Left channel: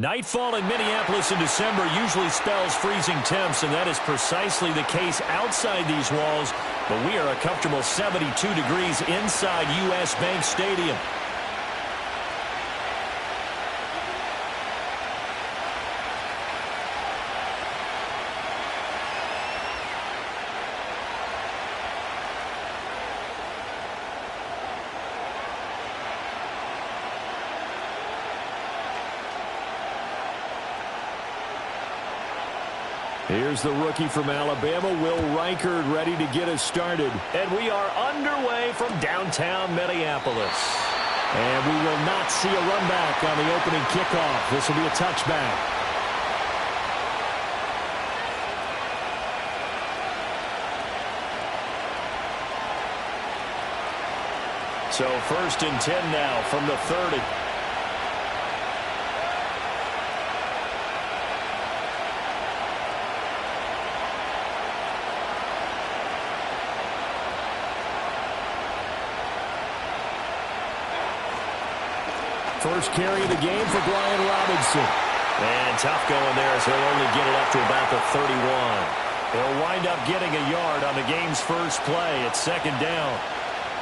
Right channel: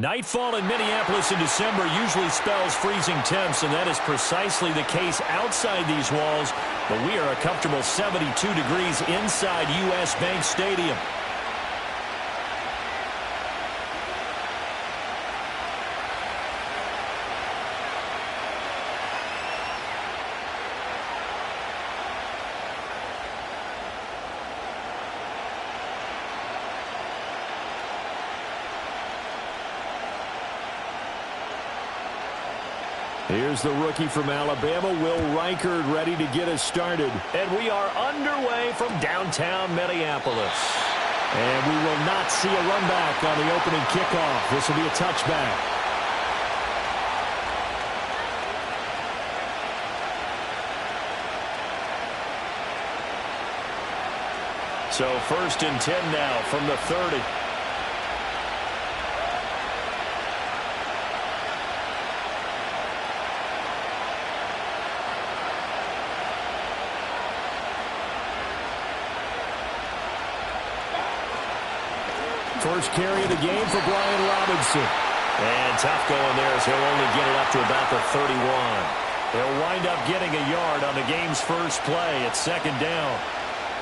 Nightfall in Minneapolis in December usually spells freezing temps, and that is precisely the case outside these walls. But we are a comfortable 72 degrees inside U.S. Bank Stadium. Here's the rookie from Alabama, Will Reichard, ready to get us started. And we are underway from downtown Minneapolis. And we will not see a run back on the opening kickoff. This will be a touchback. So 1st and 10 now from the 30. First carry of the game for Brian Robinson. And tough going there as he'll only get it up to about the 31. He'll wind up getting a yard on the game's first play. It's 2nd down.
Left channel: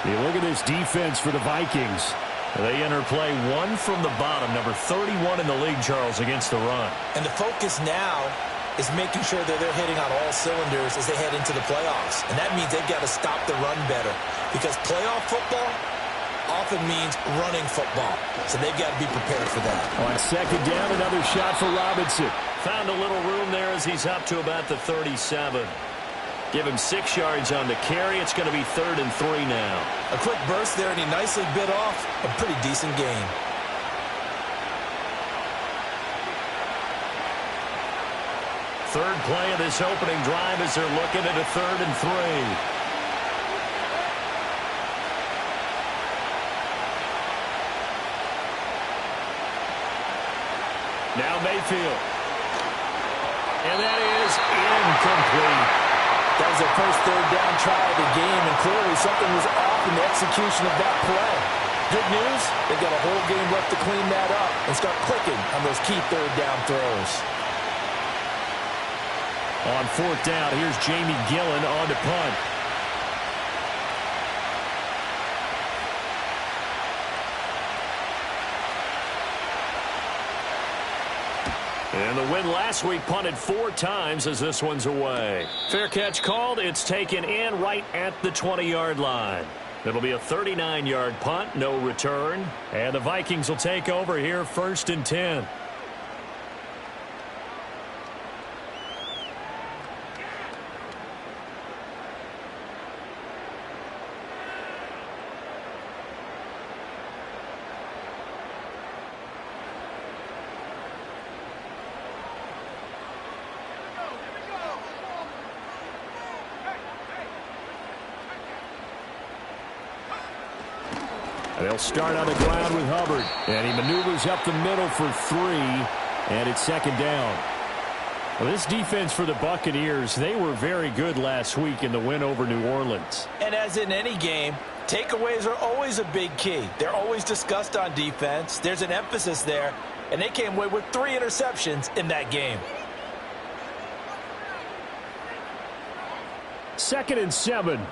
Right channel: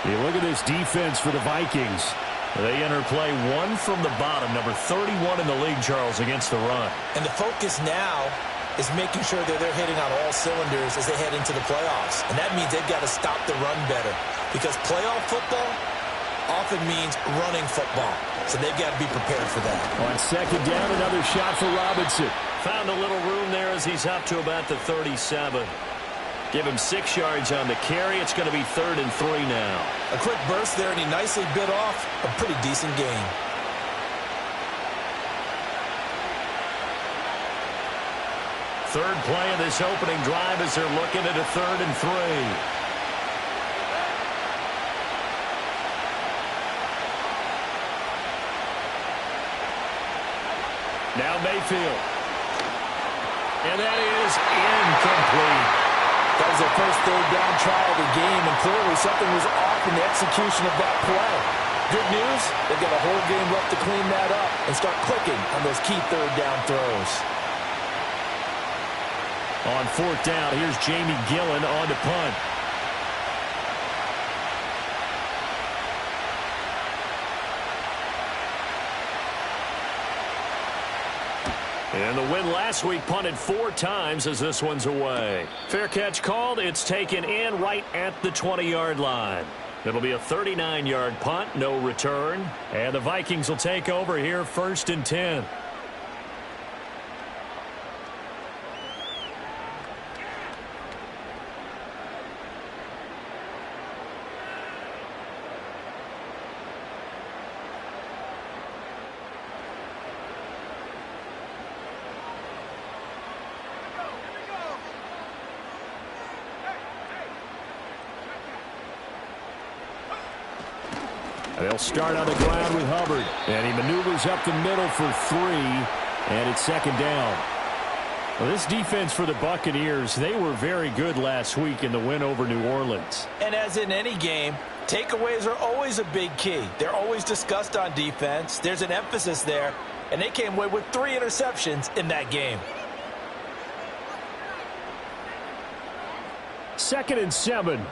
You look at this defense for the Vikings. They enter play one from the bottom, number 31 in the league, Charles, against the run. And the focus now is making sure that they're hitting on all cylinders as they head into the playoffs. And that means they've got to stop the run better, because playoff football often means running football. So they've got to be prepared for that. On 2nd down, another shot for Robinson. Found a little room there as he's up to about the 37. Give him 6 yards on the carry. It's going to be 3rd and 3 now. A quick burst there, and he nicely bit off a pretty decent gain. Third play of this opening drive as they're looking at a 3rd and 3. Now Mayfield. And that is incomplete. That was their first 3rd down try of the game, and clearly something was off in the execution of that play. Good news, they've got a whole game left to clean that up and start clicking on those key 3rd down throws. On 4th down, here's Jamie Gillen on to punt. And the win last week punted 4 times as this one's away. Fair catch called. It's taken in right at the 20-yard line. It'll be a 39-yard punt, no return. And the Vikings will take over here 1st and 10. They'll start on the ground with Hubbard. And he maneuvers up the middle for 3. And it's 2nd down. Well, this defense for the Buccaneers, they were very good last week in the win over New Orleans. And as in any game, takeaways are always a big key. They're always discussed on defense. There's an emphasis there. And they came away with 3 interceptions in that game. 2nd and 7.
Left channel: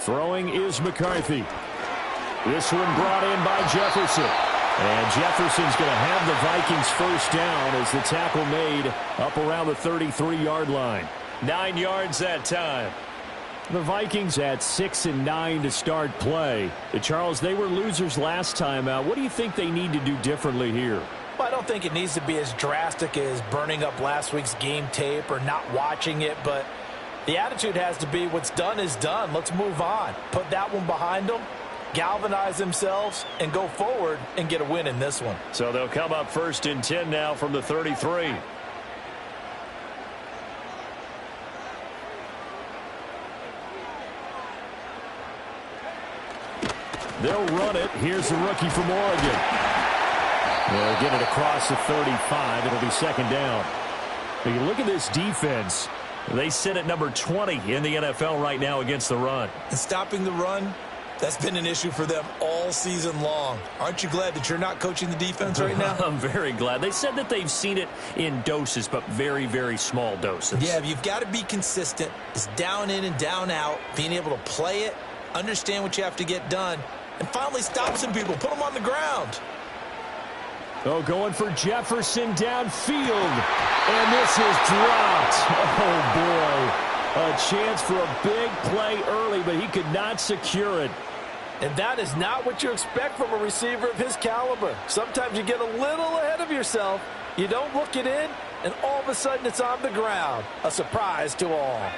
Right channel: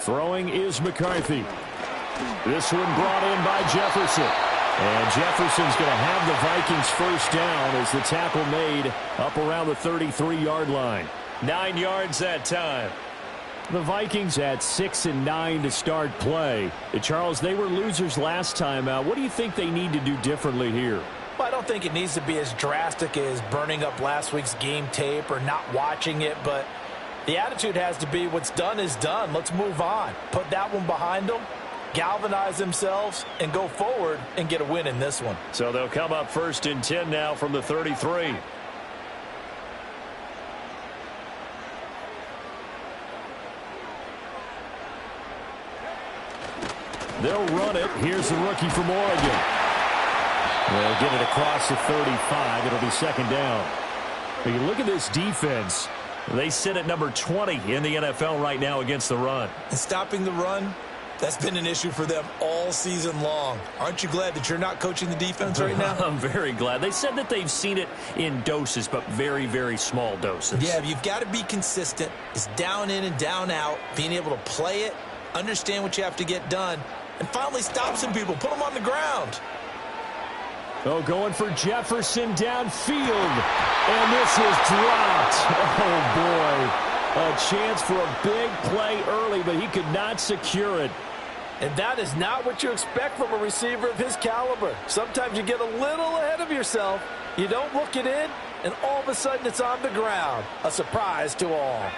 Throwing is McCarthy. This one brought in by Jefferson. And Jefferson's going to have the Vikings 1st down as the tackle made up around the 33-yard line. 9 yards that time. The Vikings at 6 and 9 to start play. Charles, they were losers last time out. What do you think they need to do differently here? Well, I don't think it needs to be as drastic as burning up last week's game tape or not watching it, but the attitude has to be what's done is done. Let's move on. Put that one behind them, galvanize themselves, and go forward and get a win in this one. So they'll come up 1st and 10 now from the 33. They'll run it. Here's the rookie from Oregon. They'll get it across the 35. It'll be 2nd down. But you look at this defense. They sit at number 20 in the NFL right now against the run. And stopping the run, that's been an issue for them all season long. Aren't you glad that you're not coaching the defense right now? I'm very glad. They said that they've seen it in doses, but very, very small doses. Yeah, you've got to be consistent. It's down in and down out, being able to play it, understand what you have to get done, and finally stop some people, put them on the ground. Oh, going for Jefferson downfield. And this is dropped. Oh, boy. A chance for a big play early, but he could not secure it. And that is not what you expect from a receiver of his caliber. Sometimes you get a little ahead of yourself. You don't look it in, and all of a sudden it's on the ground. A surprise to all.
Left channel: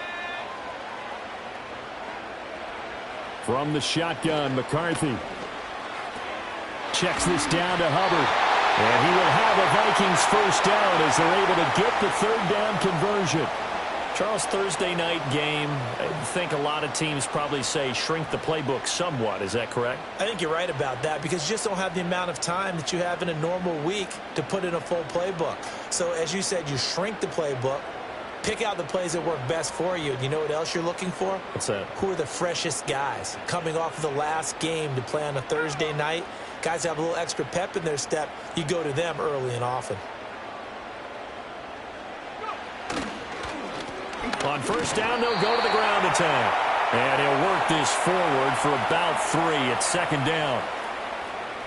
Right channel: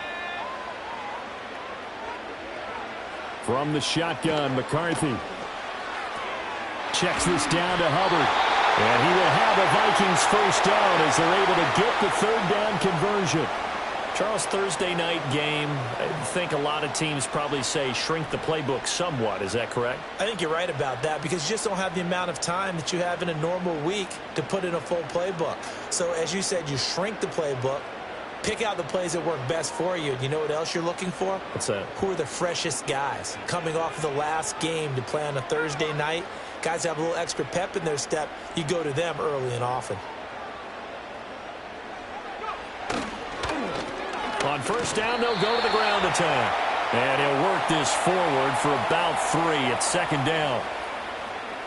From the shotgun, McCarthy checks this down to Hubbard. And he will have a Vikings first down as they're able to get the third down conversion. Charles, Thursday night game, I think a lot of teams probably say shrink the playbook somewhat. Is that correct? I think you're right about that because you just don't have the amount of time that you have in a normal week to put in a full playbook. So as you said, you shrink the playbook, pick out the plays that work best for you. And you know what else you're looking for? What's that? Who are the freshest guys coming off of the last game to play on a Thursday night? Guys have a little extra pep in their step. You go to them early and often. On first down, they'll go to the ground attack. And he'll work this forward for about 3 at second down.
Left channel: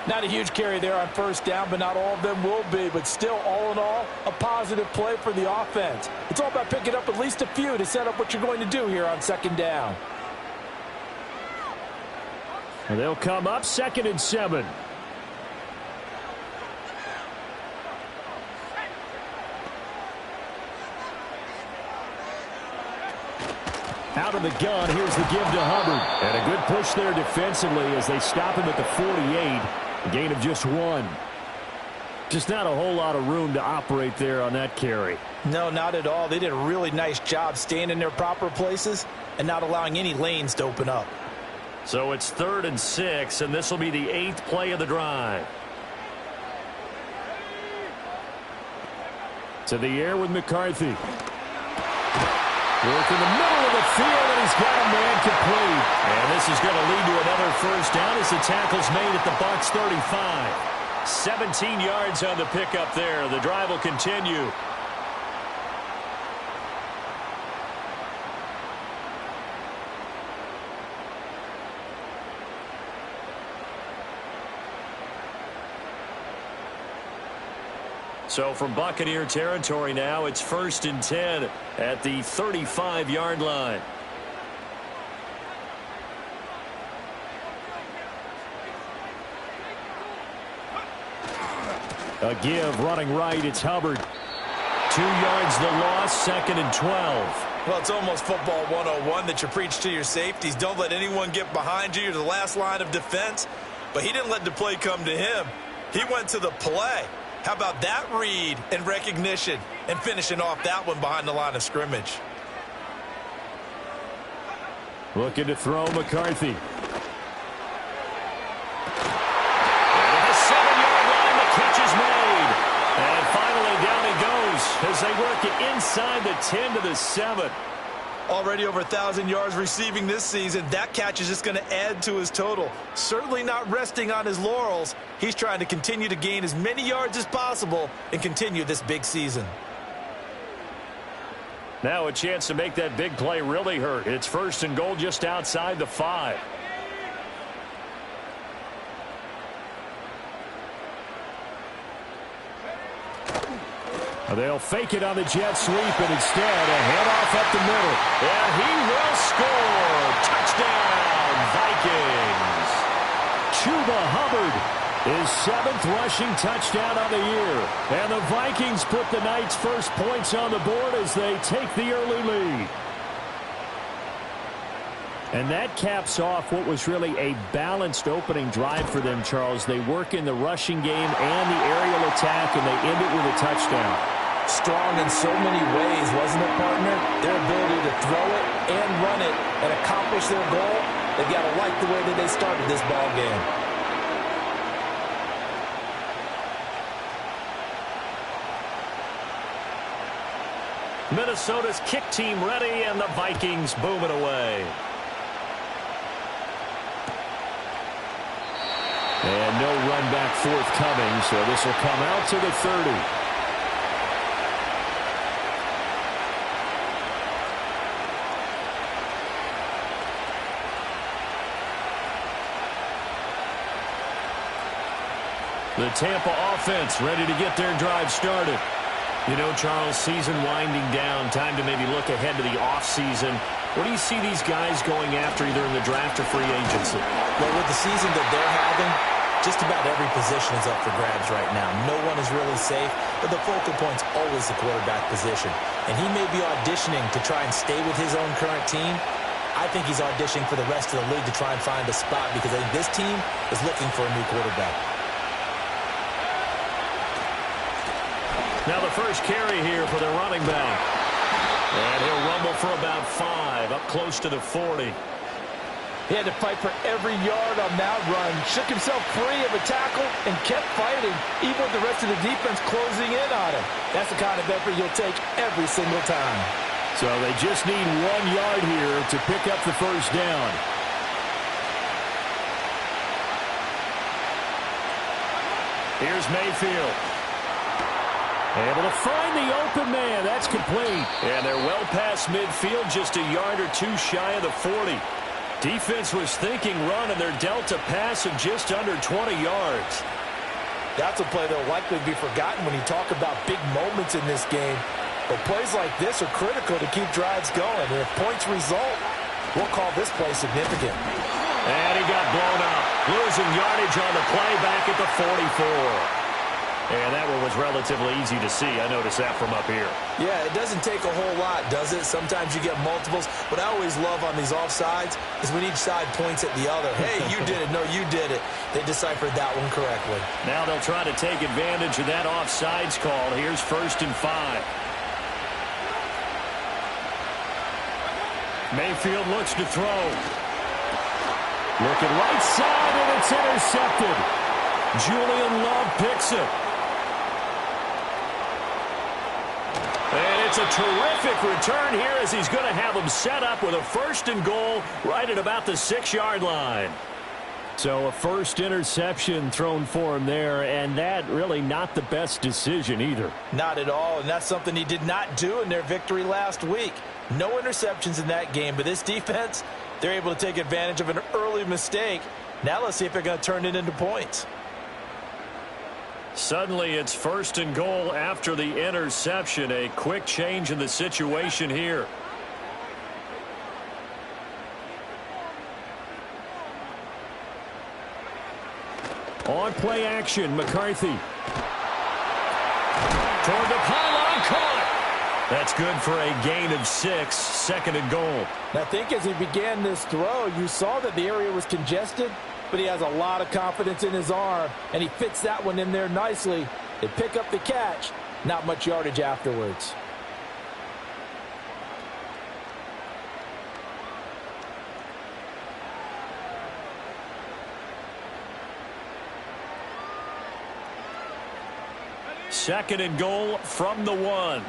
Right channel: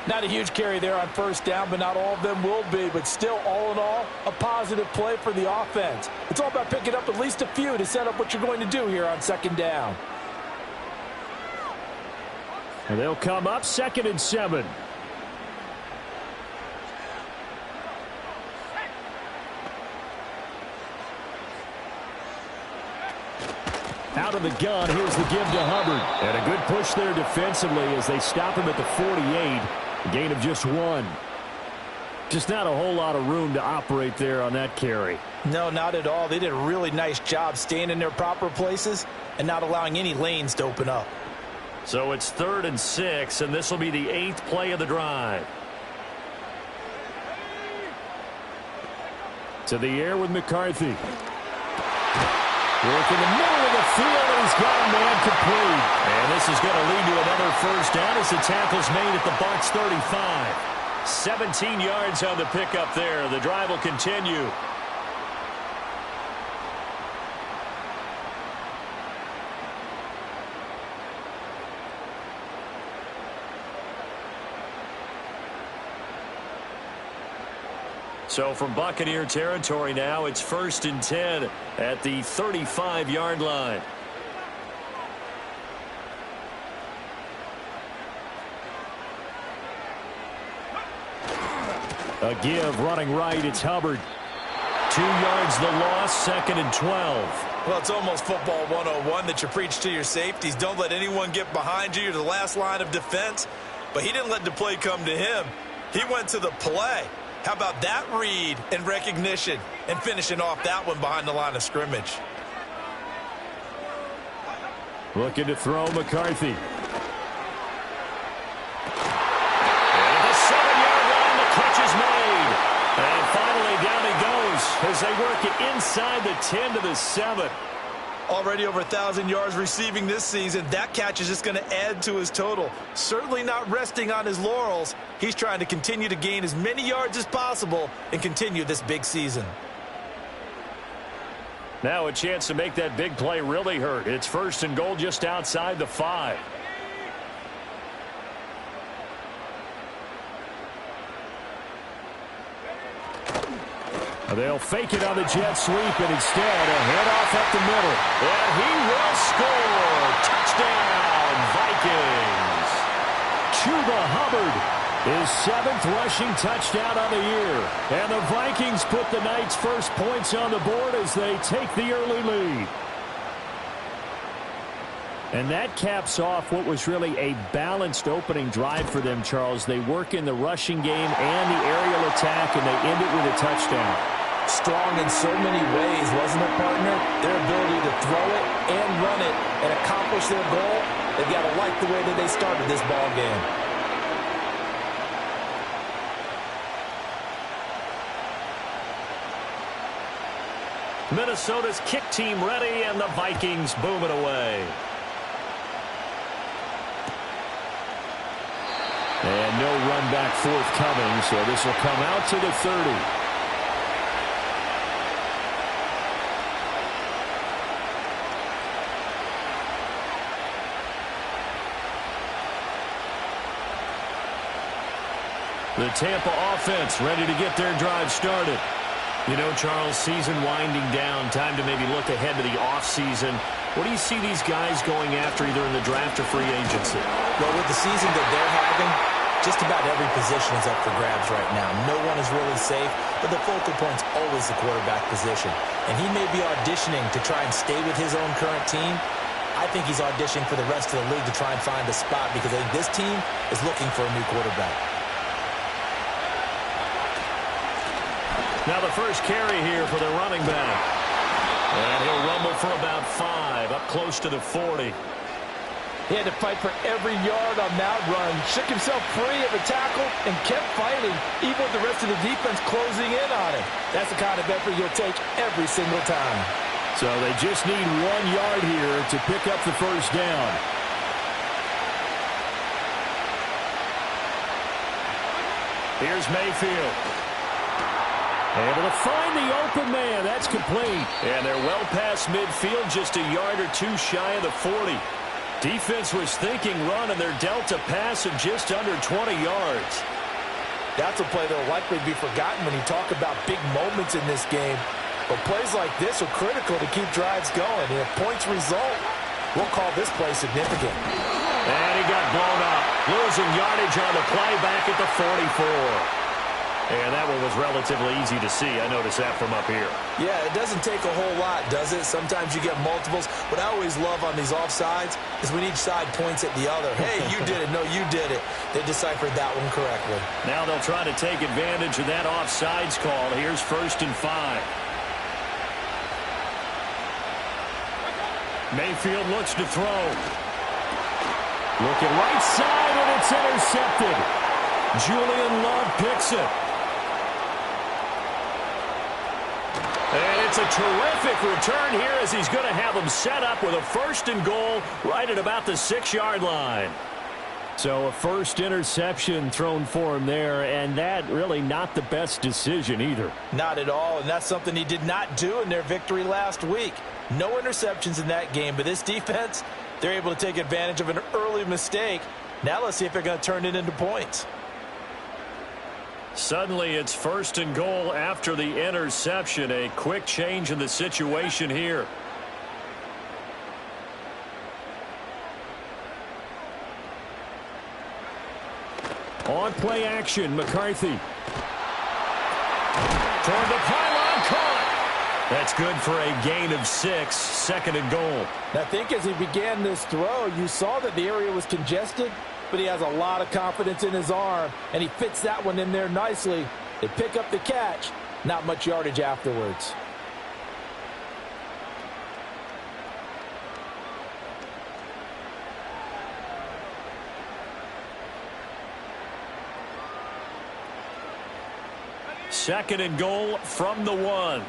Not a huge carry there on first down, but not all of them will be. But still, all in all, a positive play for the offense. It's all about picking up at least a few to set up what you're going to do here on second down. And they'll come up 2nd and 7. Out of the gun, here's the give to Hubbard. And a good push there defensively as they stop him at the 48. A gain of just 1. Just not a whole lot of room to operate there on that carry. No, not at all. They did a really nice job staying in their proper places and not allowing any lanes to open up. So it's 3rd and 6, and this will be the 8th play of the drive. To the air with McCarthy. Work in the middle of the field, and he's got a man complete. And this is going to lead to another first down as the tackle's made at the Bucs 35. 17 yards on the pickup there. The drive will continue. So from Buccaneer territory now, it's 1st and 10 at the 35-yard line. A give running right. It's Hubbard. 2 yards the loss, 2nd and 12. Well, it's almost football 101 that you preach to your safeties. Don't let anyone get behind you. You're the last line of defense. But he didn't let the play come to him. He went to the play. How about that read and recognition and finishing off that one behind the line of scrimmage? Looking to throw McCarthy. And at the 7-yard line, the catch is made. And finally down he goes as they work it inside the 10 to the 7. Already over 1,000 yards receiving this season. That catch is just going to add to his total. Certainly not resting on his laurels. He's trying to continue to gain as many yards as possible and continue this big season. Now a chance to make that big play really hurt. It's 1st and goal just outside the 5. They'll fake it on the jet sweep, and instead a handoff up the middle. And he will score. Touchdown, Vikings. Chuba Hubbard, his 7th rushing touchdown on the year. And the Vikings put the night's first points on the board as they take the early lead. And that caps off what was really a balanced opening drive for them, Charles. They work in the rushing game and the aerial attack, and they end it with a touchdown. Strong in so many ways, wasn't it, partner? Their ability to throw it and run it and accomplish their goal, they've got to like the way that they started this ball game. Minnesota's kick team ready, and the Vikings boom it away. And no run back forthcoming, so this will come out to the 30. The Tampa offense ready to get their drive started. You know, Charles, season winding down, time to maybe look ahead to the offseason. What do you see these guys going after either in the draft or free agency? Well, with the season that they're having, just about every position is up for grabs right now. No one is really safe, but the focal point's always the quarterback position. And he may be auditioning to try and stay with his own current team. I think he's auditioning for the rest of the league to try and find a spot because I think this team is looking for a new quarterback. Now the first carry here for the running back. And he'll rumble for about 5, up close to the 40. He had to fight for every yard on that run. Shook himself free of a tackle and kept fighting, even with the rest of the defense closing in on him. That's the kind of effort you'll take every single time. So they just need 1 yard here to pick up the first down. Here's Mayfield. Able to find the open man. That's complete. And they're well past midfield, just a yard or 2 shy of the 40. Defense was thinking run, and they're dealt a pass of just under 20 yards. That's a play that will likely be forgotten when you talk about big moments in this game. But plays like this are critical to keep drives going. And if points result, we'll call this play significant. And he got blown up, losing yardage on the play back at the 44. And that one was relatively easy to see. I noticed that from up here. Yeah, it doesn't take a whole lot, does it? Sometimes you get multiples. What I always love on these offsides is when each side points at the other. Hey, you did it. No, you did it. They deciphered that one correctly. Now they'll try to take advantage of that offsides call. Here's 1st and 5. Mayfield looks to throw. Looking right side, and it's intercepted. Julian Love picks it. And it's a terrific return here as he's going to have them set up with a 1st and goal right at about the 6-yard line. So a first interception thrown for him there, and that really not the best decision either. Not at all, and that's something he did not do in their victory last week. No interceptions in that game, but this defense, they're able to take advantage of an early mistake. Now let's see if they're going to turn it into points. Suddenly it's 1st and goal after the interception. A quick change in the situation here. On play action, McCarthy. Toward the pylon, caught. That's good for a gain of 6, 2nd and goal. I think as he began this throw, you saw that the area was congested, but he has a lot of confidence in his arm, and he fits that one in there nicely. They pick up the catch, not much yardage afterwards. Second and goal from the 1.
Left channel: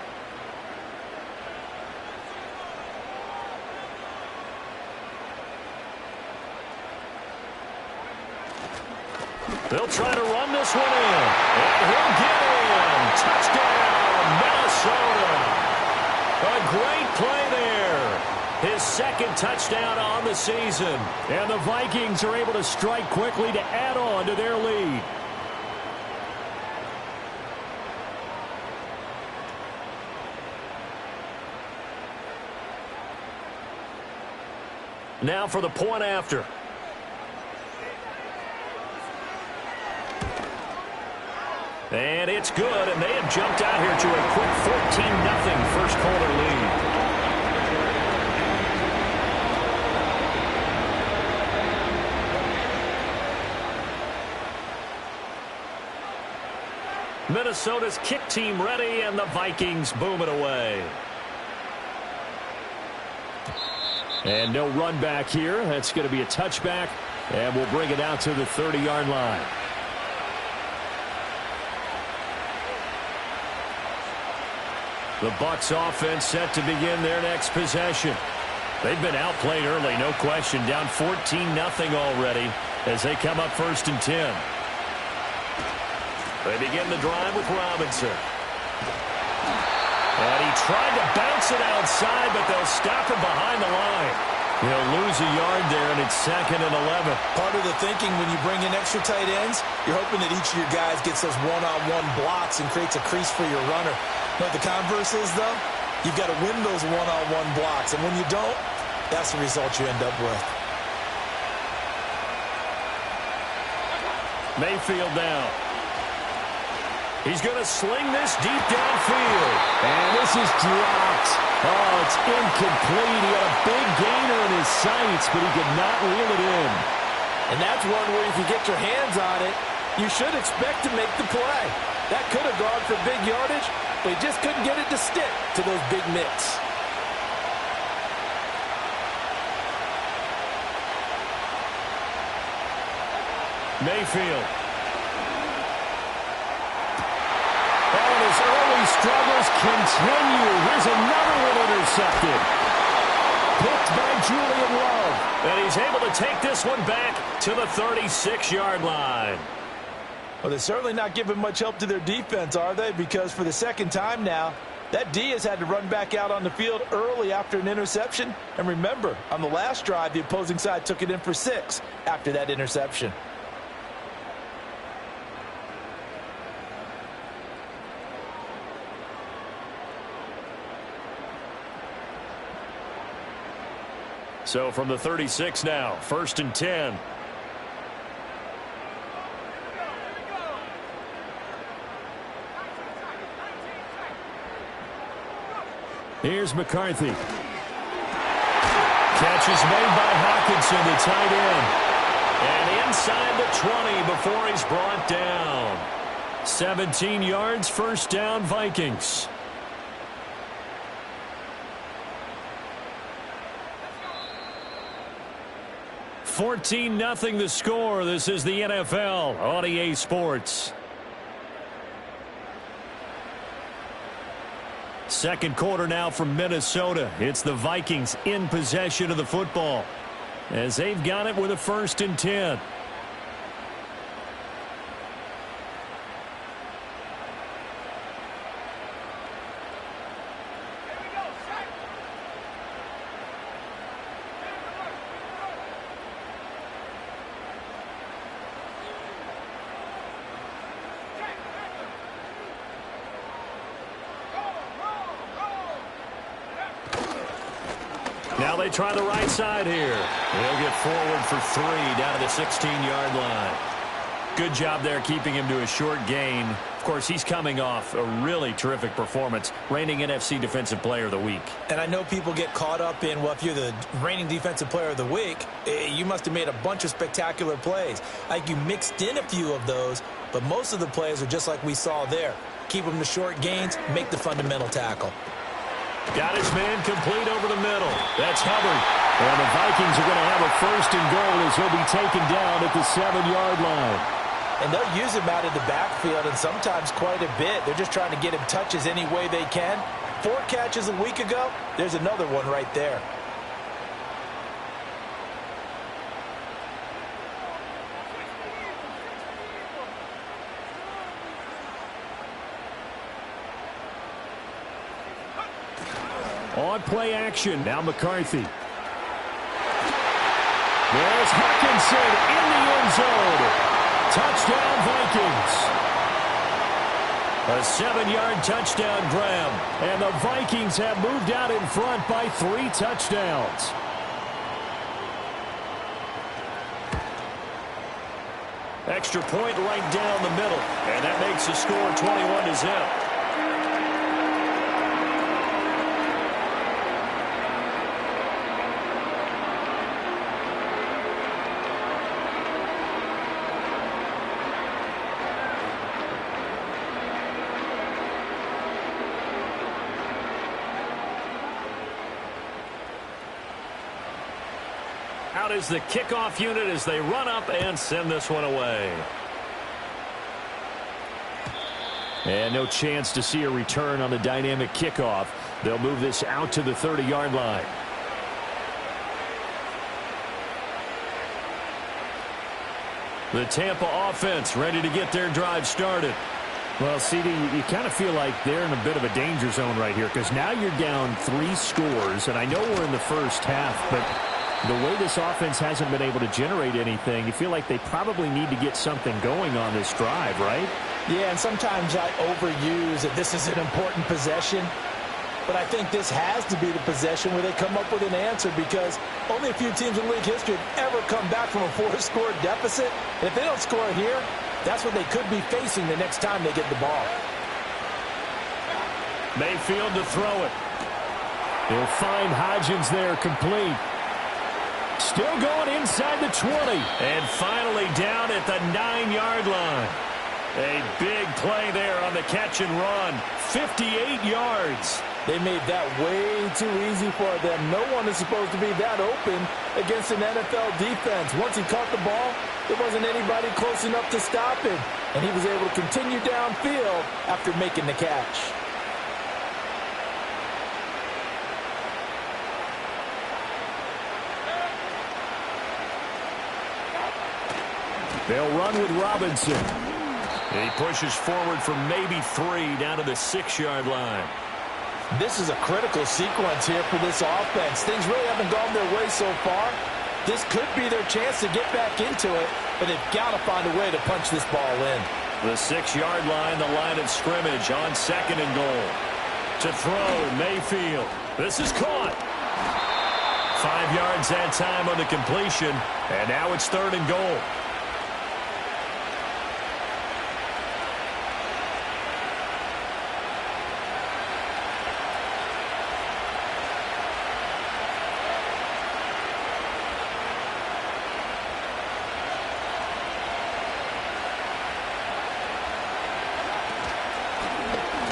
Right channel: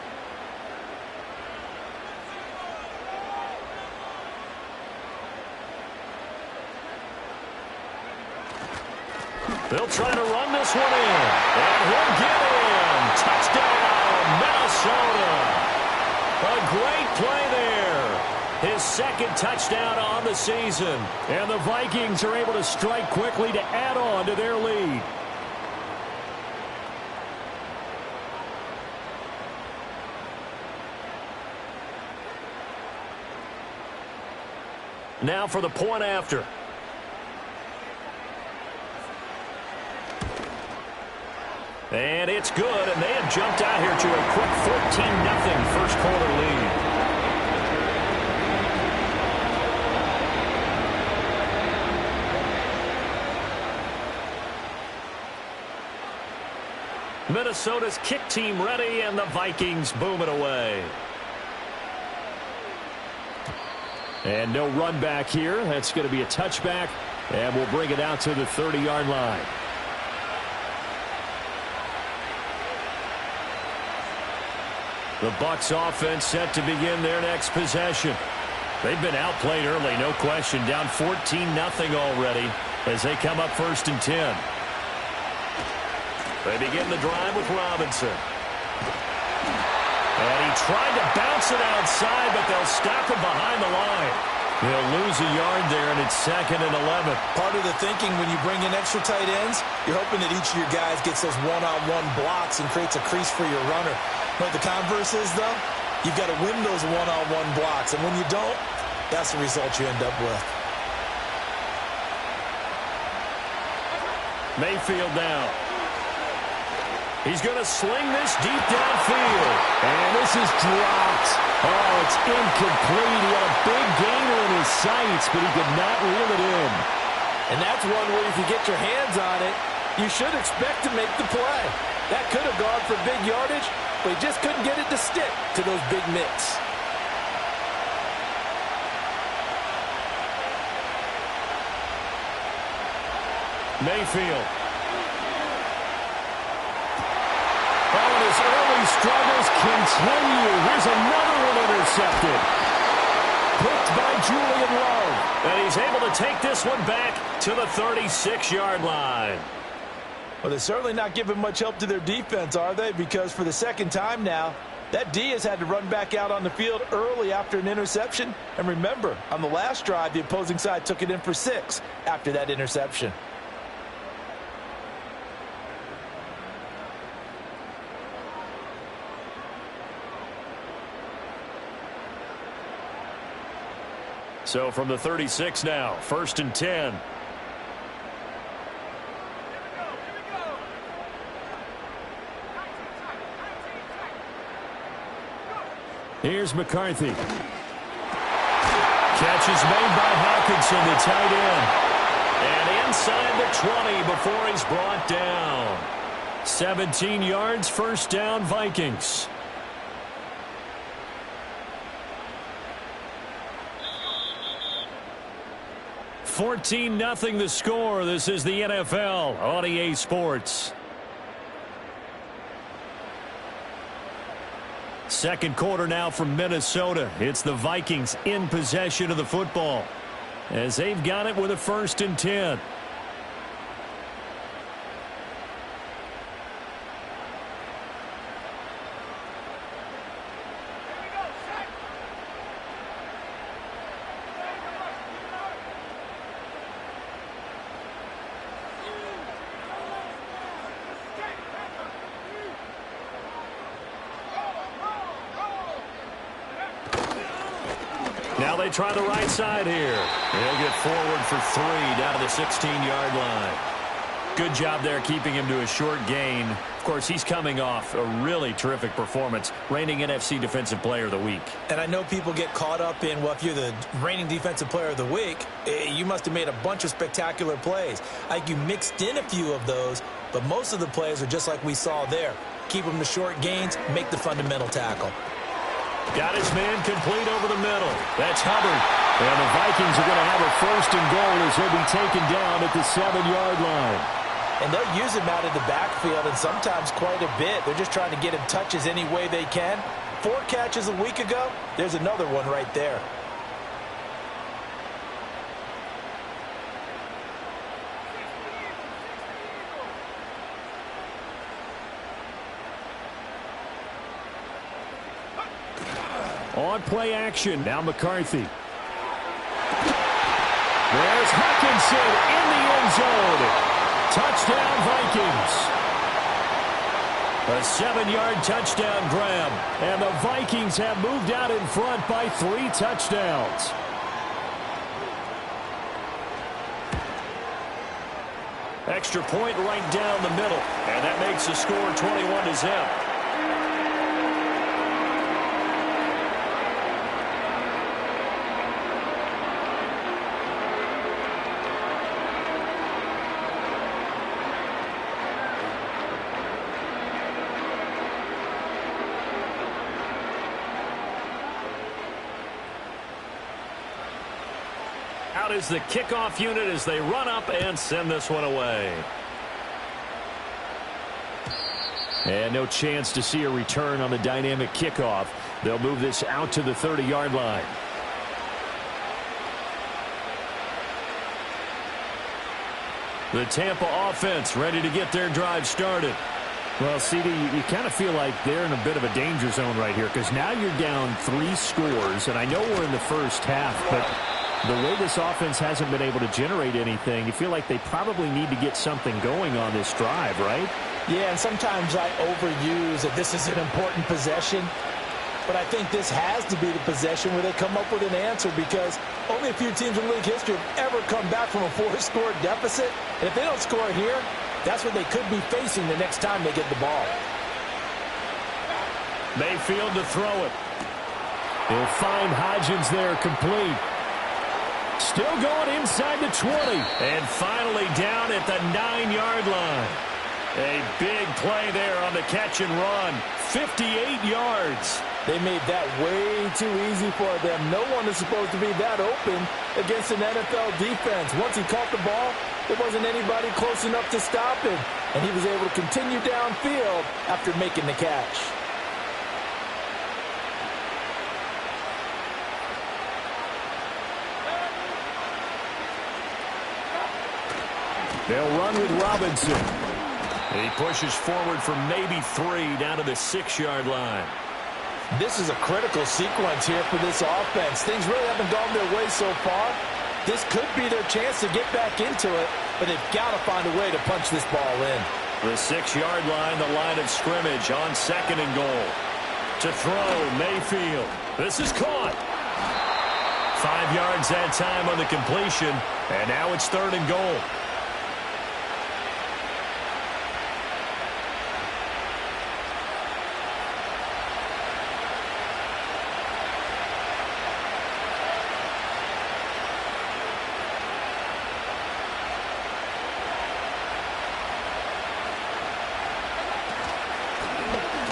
They'll try to run this one in. And he'll get in. Touchdown, Minnesota. A great play there. His 2nd touchdown on the season. And the Vikings are able to strike quickly to add on to their lead. Now for the point after. And it's good, and they have jumped out here to a quick 14-0 first quarter lead. Minnesota's kick team ready, and the Vikings boom it away. And no run back here. That's going to be a touchback, and we'll bring it out to the 30-yard line. The Bucs offense set to begin their next possession. They've been outplayed early, no question. Down 14-0 already as they come up 1st and 10. They begin the drive with Robinson. And he tried to bounce it outside, but they'll stop him behind the line. He'll lose a yard there, and it's 2nd and 11. Part of the thinking when you bring in extra tight ends, you're hoping that each of your guys gets those one-on-one blocks and creates a crease for your runner. But the converse is, though, you've got to win those one-on-one blocks. And when you don't, that's the result you end up with. Mayfield now. He's going to sling this deep downfield. And this is dropped. Oh, it's incomplete. He had a big gainer in his sights, but he could not reel it in. And that's one where if you get your hands on it, you should expect to make the play. That could have gone for big yardage, but he just couldn't get it to stick to those big mitts. Mayfield. Oh, and his early struggles continue. Here's another one intercepted. Picked by Julian Love. And he's able to take this one back to the 36-yard line. Well, they're certainly not giving much help to their defense, are they? Because for the second time now, that D has had to run back out on the field early after an interception. And remember, on the last drive, the opposing side took it in for 6 after that interception. So from the 36 now, 1st and 10. Here's McCarthy. Catch is made by Hockenson, the tight end. And inside the 20 before he's brought down. 17 yards, 1st down, Vikings. $14-0 the score. This is the NFL on EA Sports. Second quarter now from Minnesota. It's the Vikings in possession of the football as they've got it with a 1st and 10. Now they try the right side here. He'll get forward for 3 down to the 16-yard line. Good job there keeping him to a short gain. Of course, he's coming off a really terrific performance, reigning NFC Defensive Player of the Week. And I know people get caught up in, well, if you're the reigning Defensive Player of the Week, you must have made a bunch of spectacular plays. I think you mixed in a few of those, but most of the plays are just like we saw there. Keep them to short gains, make the fundamental tackle. Got his man complete over the middle. That's Hubbard. And the Vikings are going to have a 1st and goal as he'll be taken down at the 7-yard line. And they'll use him out of the backfield, and sometimes quite a bit. They're just trying to get him touches any way they can. 4 catches a week ago. There's another one right there. On play action, now McCarthy. There's Hockenson in the end zone. Touchdown, Vikings. A 7-yard touchdown grab. And the Vikings have moved out in front by 3 touchdowns. Extra point right down the middle. And that makes the score 21-0. Out is the kickoff unit as they run up and send this one away. And no chance to see a return on the dynamic kickoff. They'll move this out to the 30-yard line. The Tampa offense ready to get their drive started. Well, CD, you kind of feel like they're in a bit of a danger zone right here because now you're down 3 scores, and I know we're in the first half, but the way this offense hasn't been able to generate anything, you feel like they probably need to get something going on this drive, right? Yeah, and sometimes I overuse that this is an important possession, but I think this has to be the possession where they come up with an answer because only a few teams in league history have ever come back from a 4-score deficit, and if they don't score here, that's what they could be facing the next time they get the ball. Mayfield to throw it. He'll find Hodgins there, complete. Still going inside the 20. And finally down at the 9-yard line. A big play there on the catch and run. 58 yards. They made that way too easy for them. No one is supposed to be that open against an NFL defense. Once he caught the ball, there wasn't anybody close enough to stop him. And he was able to continue downfield after making the catch. They'll run with Robinson. He pushes forward for maybe 3 down to the 6-yard line. This is a critical sequence here for this offense. Things really haven't gone their way so far. This could be their chance to get back into it, but they've got to find a way to punch this ball in. The 6-yard line, the line of scrimmage on 2nd and goal. To throw, Mayfield. This is caught. 5 yards that time on the completion, and now it's 3rd and goal.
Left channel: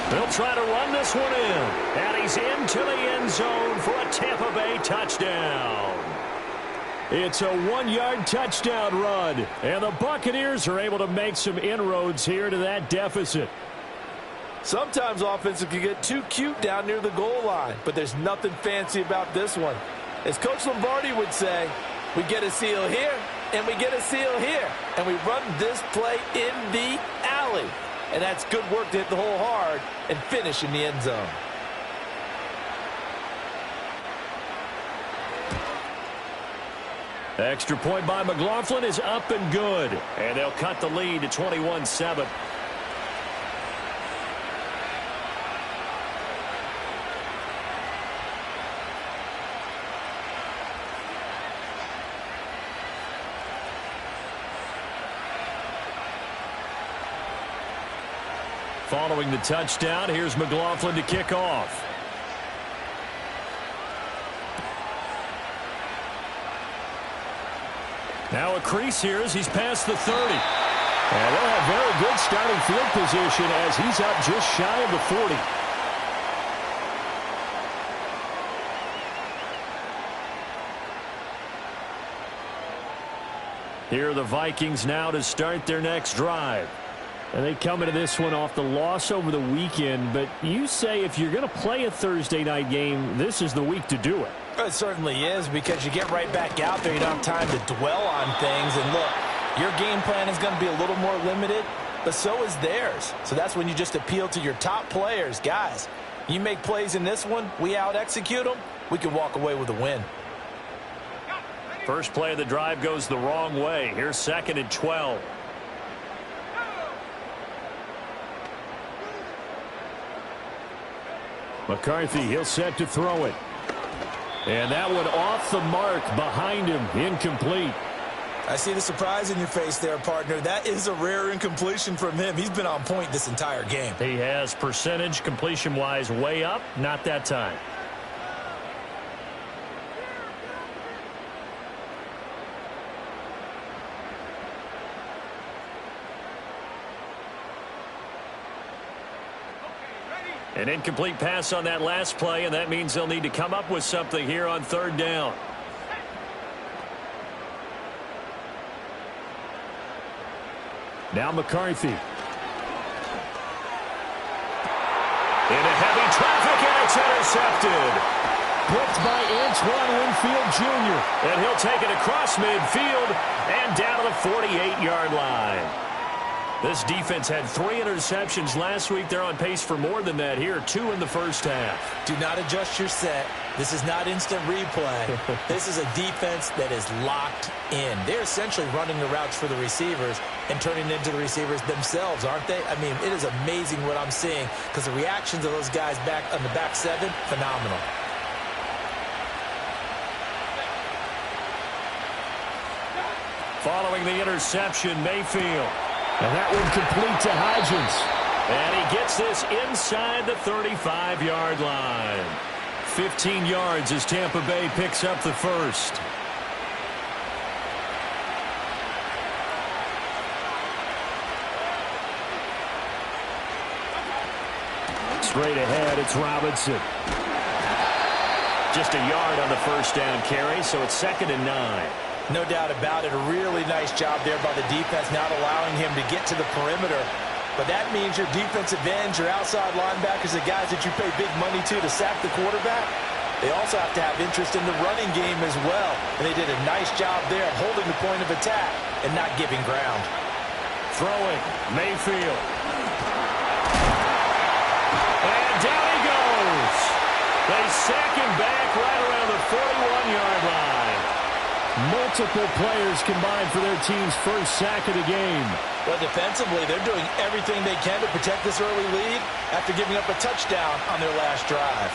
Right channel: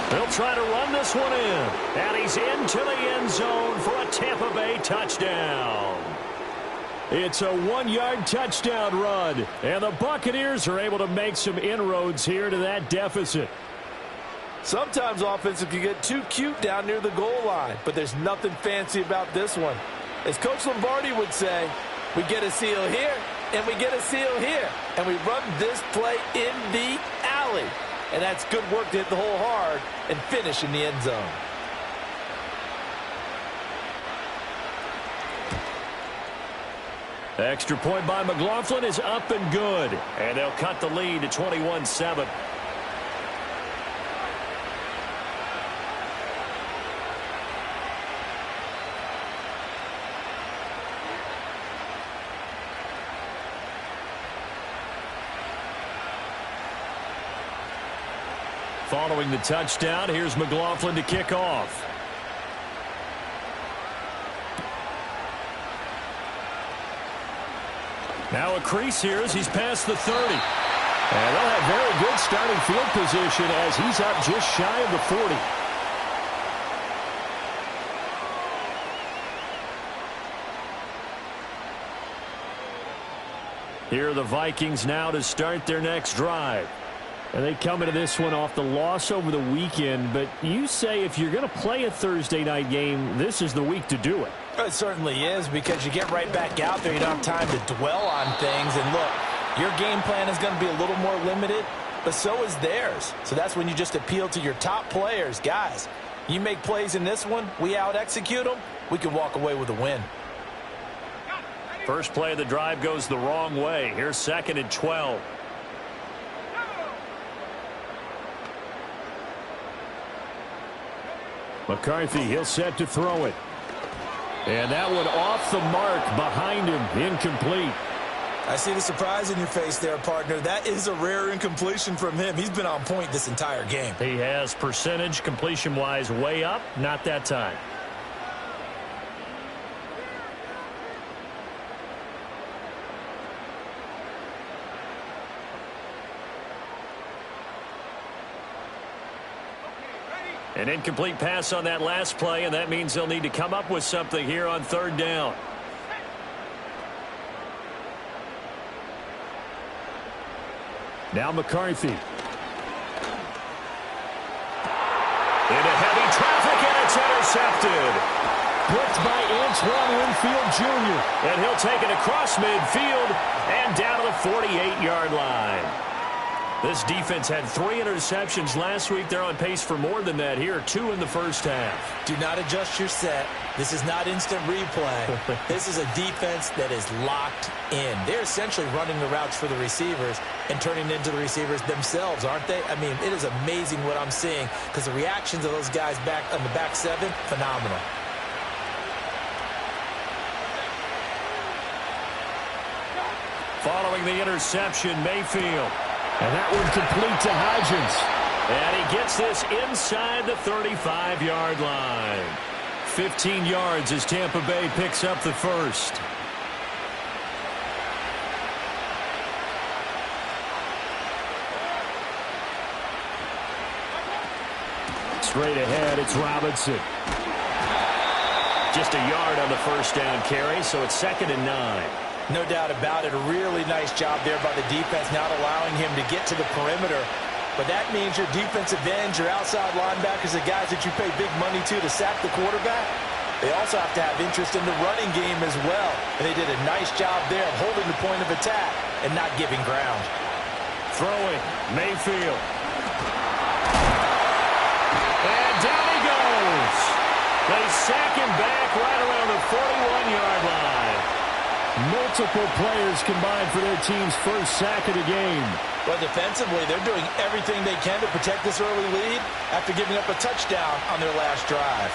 They'll try to run this one in. And he's into the end zone for a Tampa Bay touchdown. It's a 1-yard touchdown run. And the Buccaneers are able to make some inroads here to that deficit. Sometimes offenses can get too cute down near the goal line, but there's nothing fancy about this one. As Coach Lombardi would say, we get a seal here, and we get a seal here, and we run this play in the alley. And that's good work to hit the hole hard and finish in the end zone. Extra point by McLaughlin is up and good. And they'll cut the lead to 21-7. Following the touchdown, here's McLaughlin to kick off. Now a crease here as he's past the 30. And they'll have very good starting field position as he's up just shy of the 40. Here are the Vikings now to start their next drive. And they come into this one off the loss over the weekend, but you say if you're going to play a Thursday night game, this is the week to do it. It certainly is, because you get right back out there. You don't have time to dwell on things. And look, your game plan is going to be a little more limited, but so is theirs. So that's when you just appeal to your top players. Guys, you make plays in this one, we out-execute them, we can walk away with a win. First play of the drive goes the wrong way. Here's 2nd and 12. McCarthy, he'll set to throw it. And that one off the mark behind him, incomplete. I see the surprise in your face there, partner. That is a rare incompletion from him. He's been on point this entire game. He has percentage completion-wise way up, not that time. An incomplete pass on that last play, and that means they'll need to come up with something here on 3rd down. Now McCarthy. Into heavy traffic, and it's intercepted. Picked by Antoine Winfield Jr. And he'll take it across midfield and down to the 48-yard line. This defense had 3 interceptions last week. They're on pace for more than that here, 2 in the first half. Do not adjust your set. This is not instant replay. This is a defense that is locked in. They're essentially running the routes for the receivers and turning into the receivers themselves, aren't they? I mean, it is amazing what I'm seeing because the reactions of those guys back on the back 7, phenomenal. Following the interception, Mayfield. And that one complete to Hodgins. And he gets this inside the 35-yard line. 15 yards as Tampa Bay picks up the first. Straight ahead, it's Robinson. Just a yard on the first down carry, so it's 2nd and 9. No doubt about it. A really nice job there by the defense, not allowing him to get to the perimeter. But that means your defensive ends, your outside linebackers, the guys that you pay big money to sack the quarterback, they also have to have interest in the running game as well. And they did a nice job there of holding the point of attack and not giving ground. Throwing, Mayfield. And down he goes. They sack him back right around the 41-yard line. Multiple players combined for their team's first sack of the game. Well, defensively, they're doing everything they can to protect this early lead after giving up a touchdown on their last drive.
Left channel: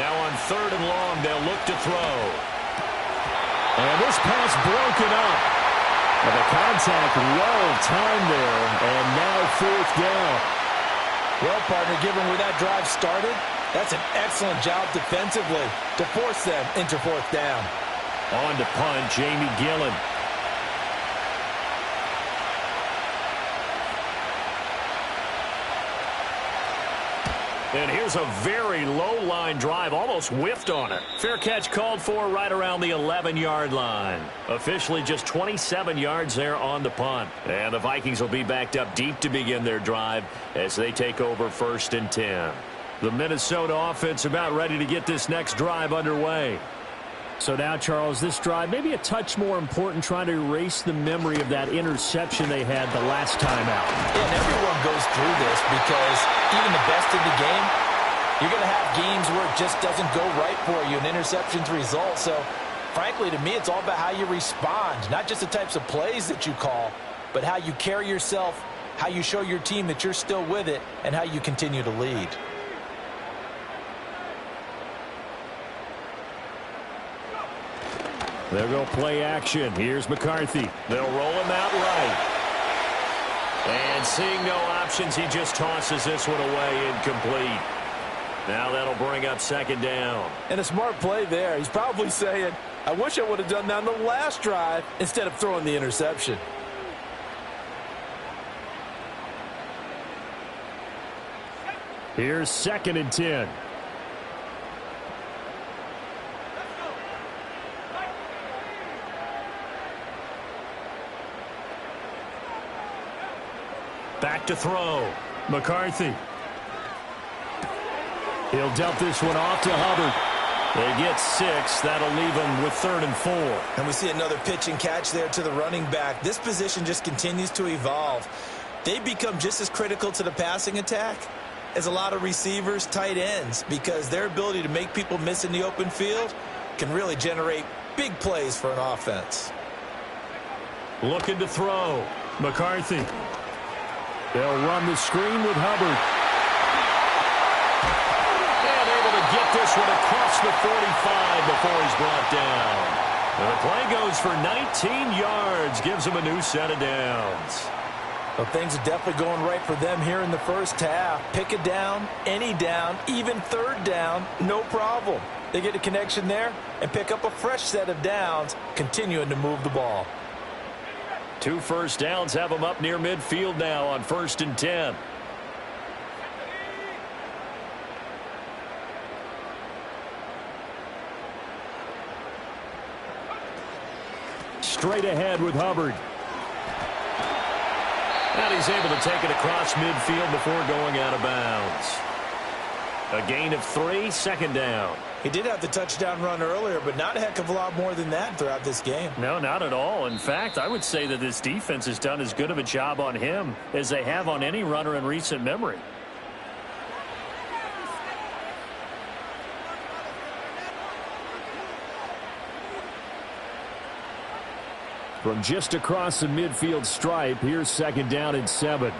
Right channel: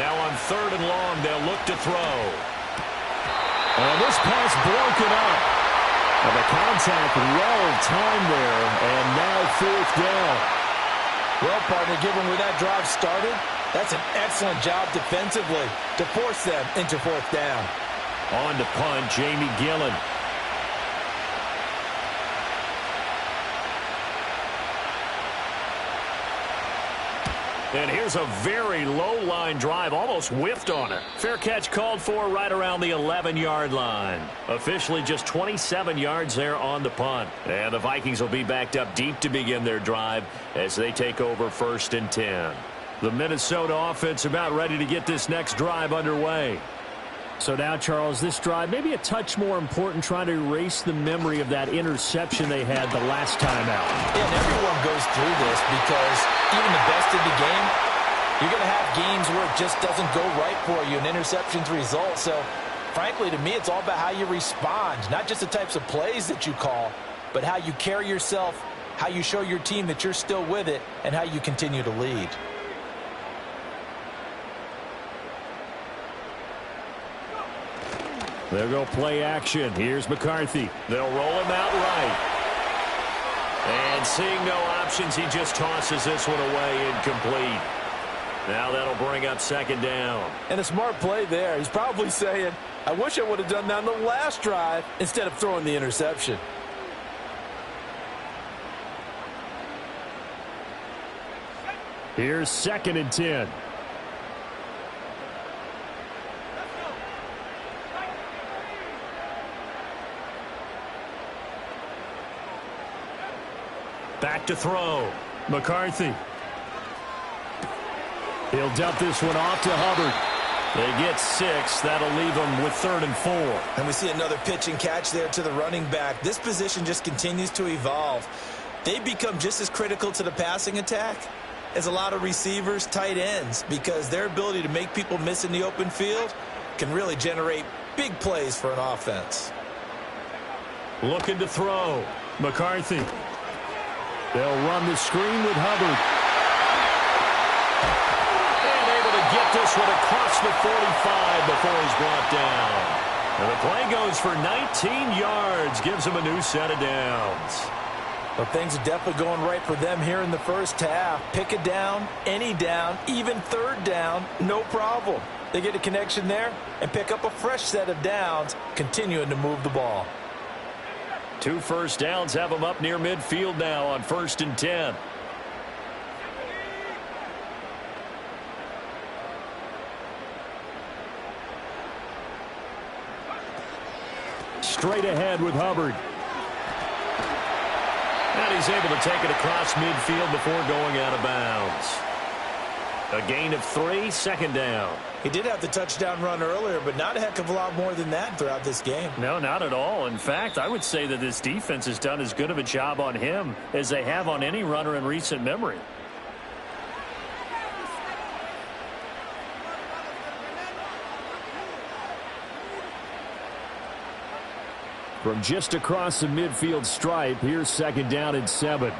Now on 3rd and long, they'll look to throw. And this pass broken up. And the contact well-timed there, and now 4th down. Well, partner, given where that drive started, that's an excellent job defensively to force them into 4th down. On to punt, Jamie Gillen. And here's a very low-line drive, almost whiffed on it. Fair catch called for right around the 11-yard line. Officially just 27 yards there on the punt. And the Vikings will be backed up deep to begin their drive as they take over 1st and 10. The Minnesota offense about ready to get this next drive underway. So now, Charles, this drive maybe a touch more important, trying to erase the memory of that interception they had the last time out. Yeah, and everyone goes through this because even the best in the game, you're going to have games where it just doesn't go right for you, and interceptions result. So, frankly, to me, it's all about how you respond, not just the types of plays that you call, but how you carry yourself, how you show your team that you're still with it, and how you continue to lead. They'll go play action. Here's McCarthy. They'll roll him out right. And seeing no options, he just tosses this one away incomplete. Now that'll bring up 2nd down. And a smart play there. He's probably saying, I wish I would have done that on the last drive instead of throwing the interception. Here's 2nd and 10. Back to throw. McCarthy. He'll dump this one off to Hubbard. They get 6. That'll leave them with 3rd and 4. And we see another pitch and catch there to the running back. This position just continues to evolve. They become just as critical to the passing attack as a lot of receivers, tight ends, because their ability to make people miss in the open field can really generate big plays for an offense. Looking to throw. McCarthy. They'll run the screen with Hubbard. And able to get this one across the 45 before he's brought down. And the play goes for 19 yards. Gives him a new set of downs. Well, things are definitely going right for them here in the first half. Pick a down, any down, even 3rd down, no problem. They get a connection there and pick up a fresh set of downs, continuing to move the ball. 2 first downs have them up near midfield now on 1st and 10. Straight ahead with Hubbard. And he's able to take it across midfield before going out of bounds. A gain of 3, second down. He did have the touchdown run earlier, but not a heck of a lot more than that throughout this game. No, not at all. In fact, I would say that this defense has done as good of a job on him as they have on any runner in recent memory. From just across the midfield stripe, here's second down and 7.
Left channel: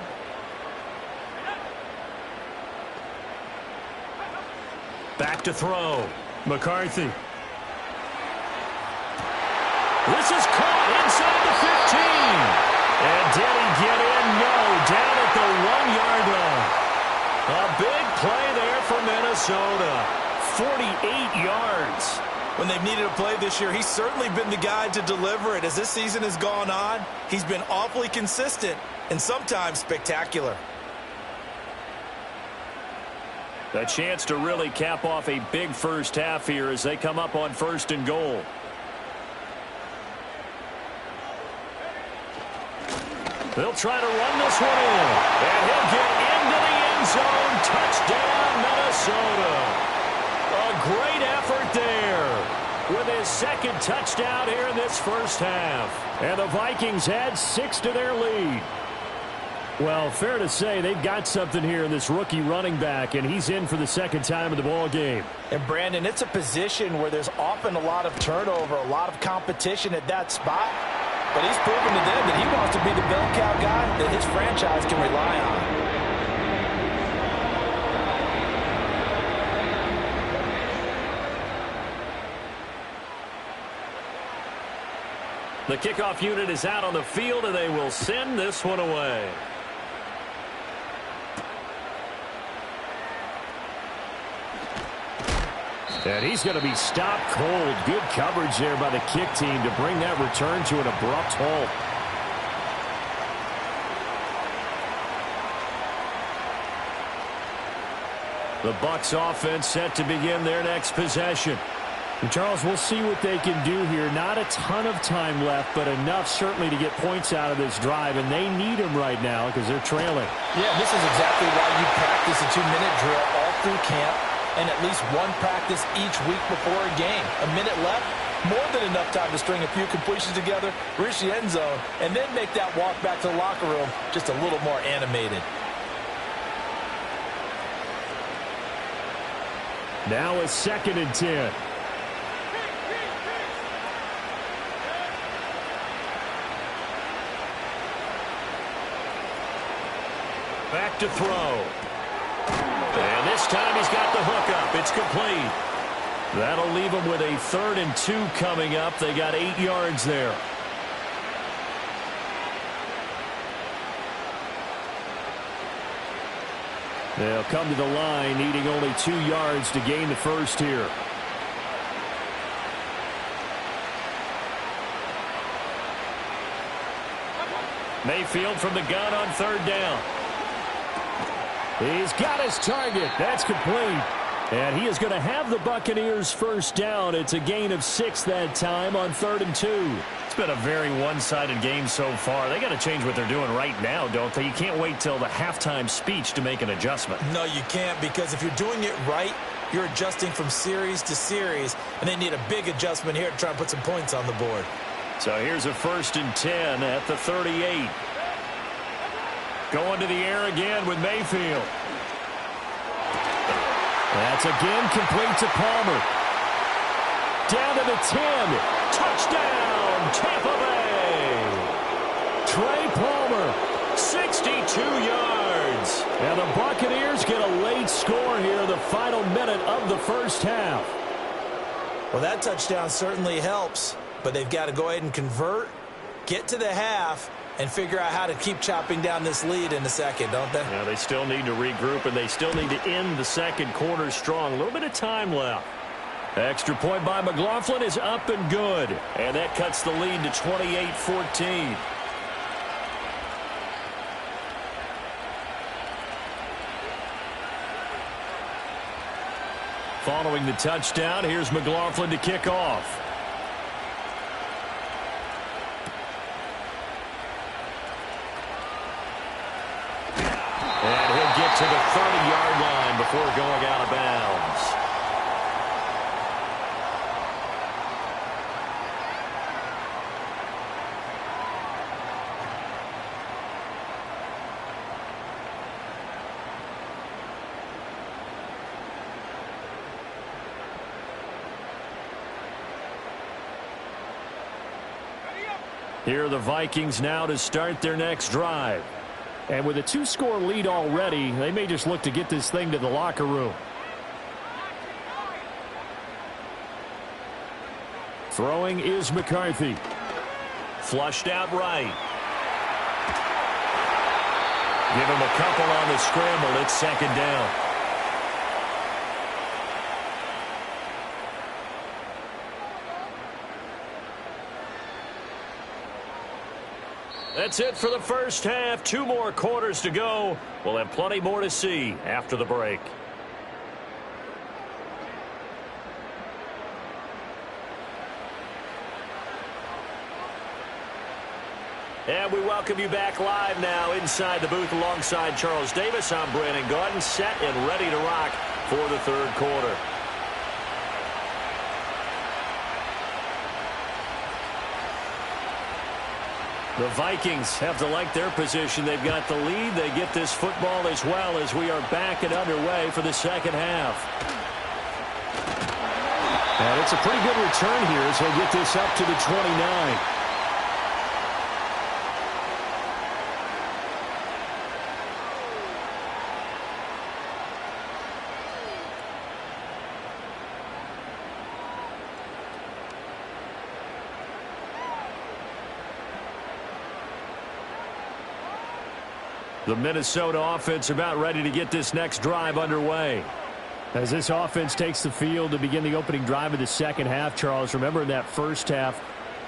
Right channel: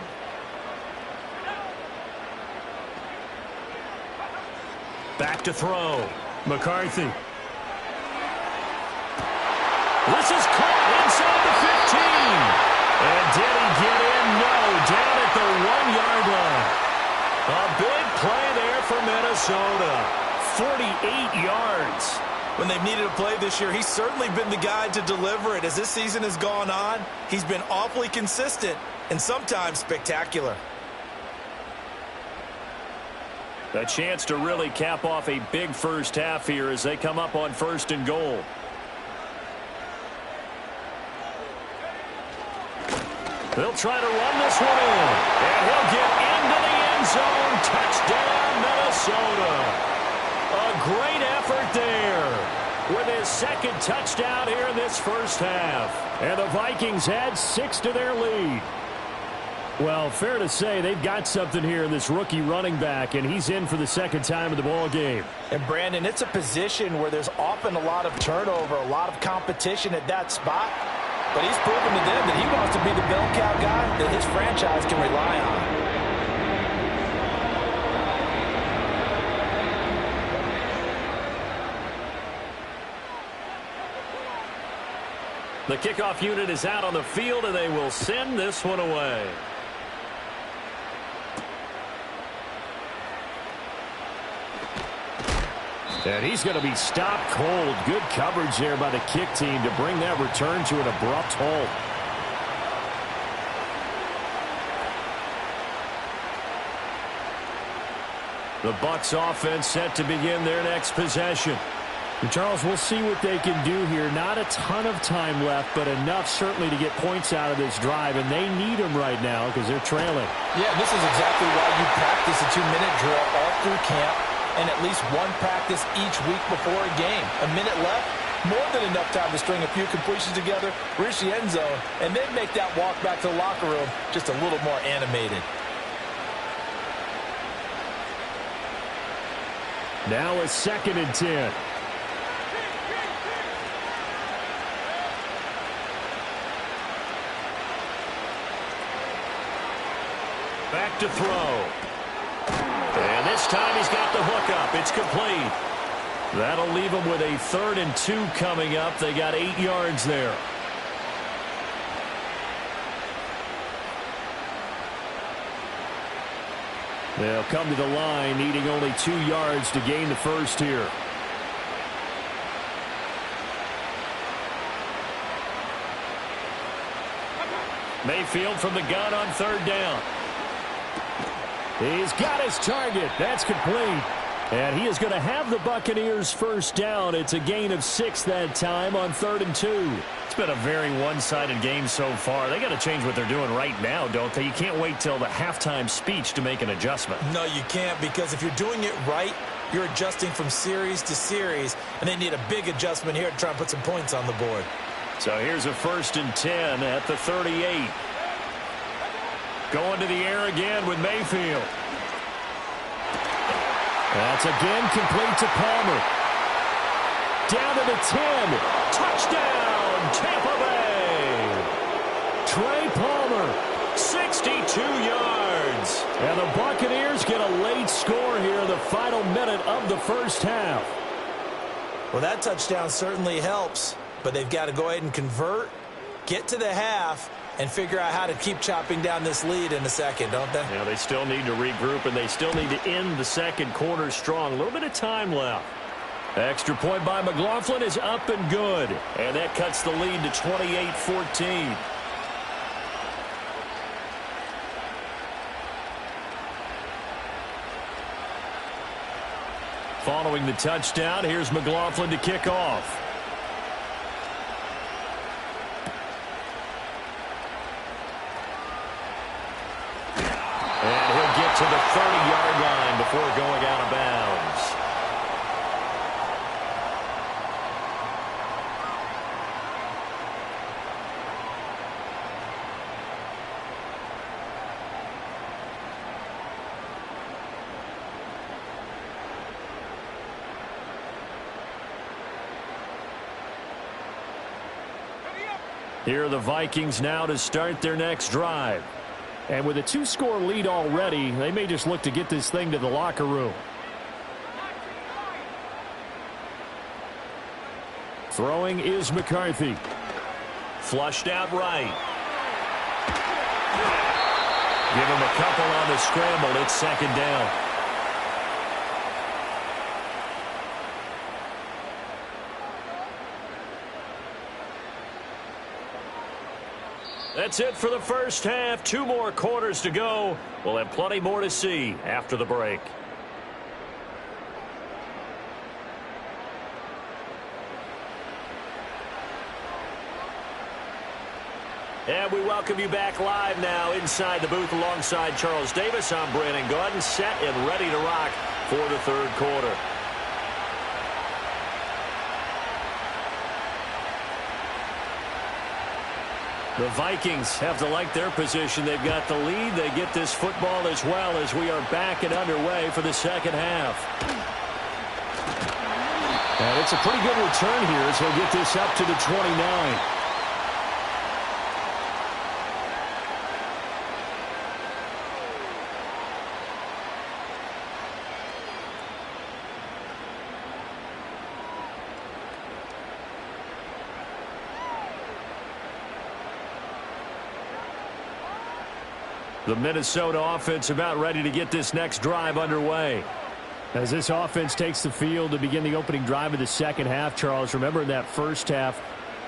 Back to throw. McCarthy. This is caught inside the 15. And did he get in? No, down at the 1-yard line. A big play there for Minnesota. 48 yards. When they've needed a play this year, he's certainly been the guy to deliver it. As this season has gone on, he's been awfully consistent and sometimes spectacular. A chance to really cap off a big first half here as they come up on 1st and goal. They'll try to run this one in. And he'll get into the end zone. Touchdown, Minnesota. A great effort there with his second touchdown here in this first half. And the Vikings add 6 to their lead. Well, fair to say they've got something here in this rookie running back, and he's in for the second time in the ball game. And, Brandon, it's a position where there's often a lot of turnover, a lot of competition at that spot. But he's proven to them that he wants to be the bell cow guy that his franchise can rely on. The kickoff unit is out on the field, and they will send this one away. And he's going to be stopped cold. Good coverage there by the kick team to bring that return to an abrupt halt. The Bucs offense set to begin their next possession. And Charles, we'll see what they can do here. Not a ton of time left, but enough certainly to get points out of this drive, and they need them right now because they're trailing. Yeah, this is exactly why you practice a 2-minute drill all through camp and at least one practice each week before a game. A minute left, more than enough time to string a few completions together, reach the end zone, and then make that walk back to the locker room just a little more animated. Now a 2nd and 10. Back to throw. And this time he's got the hook up. It's complete. That'll leave him with a 3rd and 2 coming up. They got 8 yards there. They'll come to the line, needing only 2 yards to gain the first here. Mayfield from the gun on 3rd down. He's got his target. That's complete. And he is going to have the Buccaneers first down. It's a gain of 6 that time on 3rd and 2. It's been a very one-sided game so far. They got to change what they're doing right now, don't they? You can't wait till the halftime speech to make an adjustment. No, you can't, because if you're doing it right, you're adjusting from series to series, and they need a big adjustment here to try and put some points on the board. So here's a 1st and 10 at the 38. Going to the air again with Mayfield. That's again complete to Palmer. Down to the 10. Touchdown, Tampa Bay. Trey Palmer. 62 yards. And the Buccaneers get a late score here in the final minute of the first half. Well, that touchdown certainly helps, but they've got to go ahead and convert, get to the half, and figure out how to keep chopping down this lead in a second, don't they? Yeah, they still need to regroup, and they still need to end the second quarter strong. A little bit of time left. Extra point by McLaughlin is up and good. And that cuts the lead to 28-14. Following the touchdown, here's McLaughlin to kick off. to the 30-yard line before going out of bounds. Here are the Vikings now to start their next drive. And with a 2-score lead already, they may just look to get this thing to the locker room. Throwing is McCarthy. Flushed out right. Give him a couple on the scramble. It's second down. That's it for the first half. 2 more quarters to go. We'll have plenty more to see after the break. And we welcome you back live now inside the booth alongside Charles Davis. I'm Brandon Gaudin, set and ready to rock for the third quarter. The Vikings have to like their position. They've got the lead. They get this football as well as we are back and underway for the second half. And it's a pretty good return here as he'll get this up to the 29. The Minnesota offense about ready to get this next drive underway. As this offense takes the field to begin the opening drive of the second half, Charles, remember in that first half,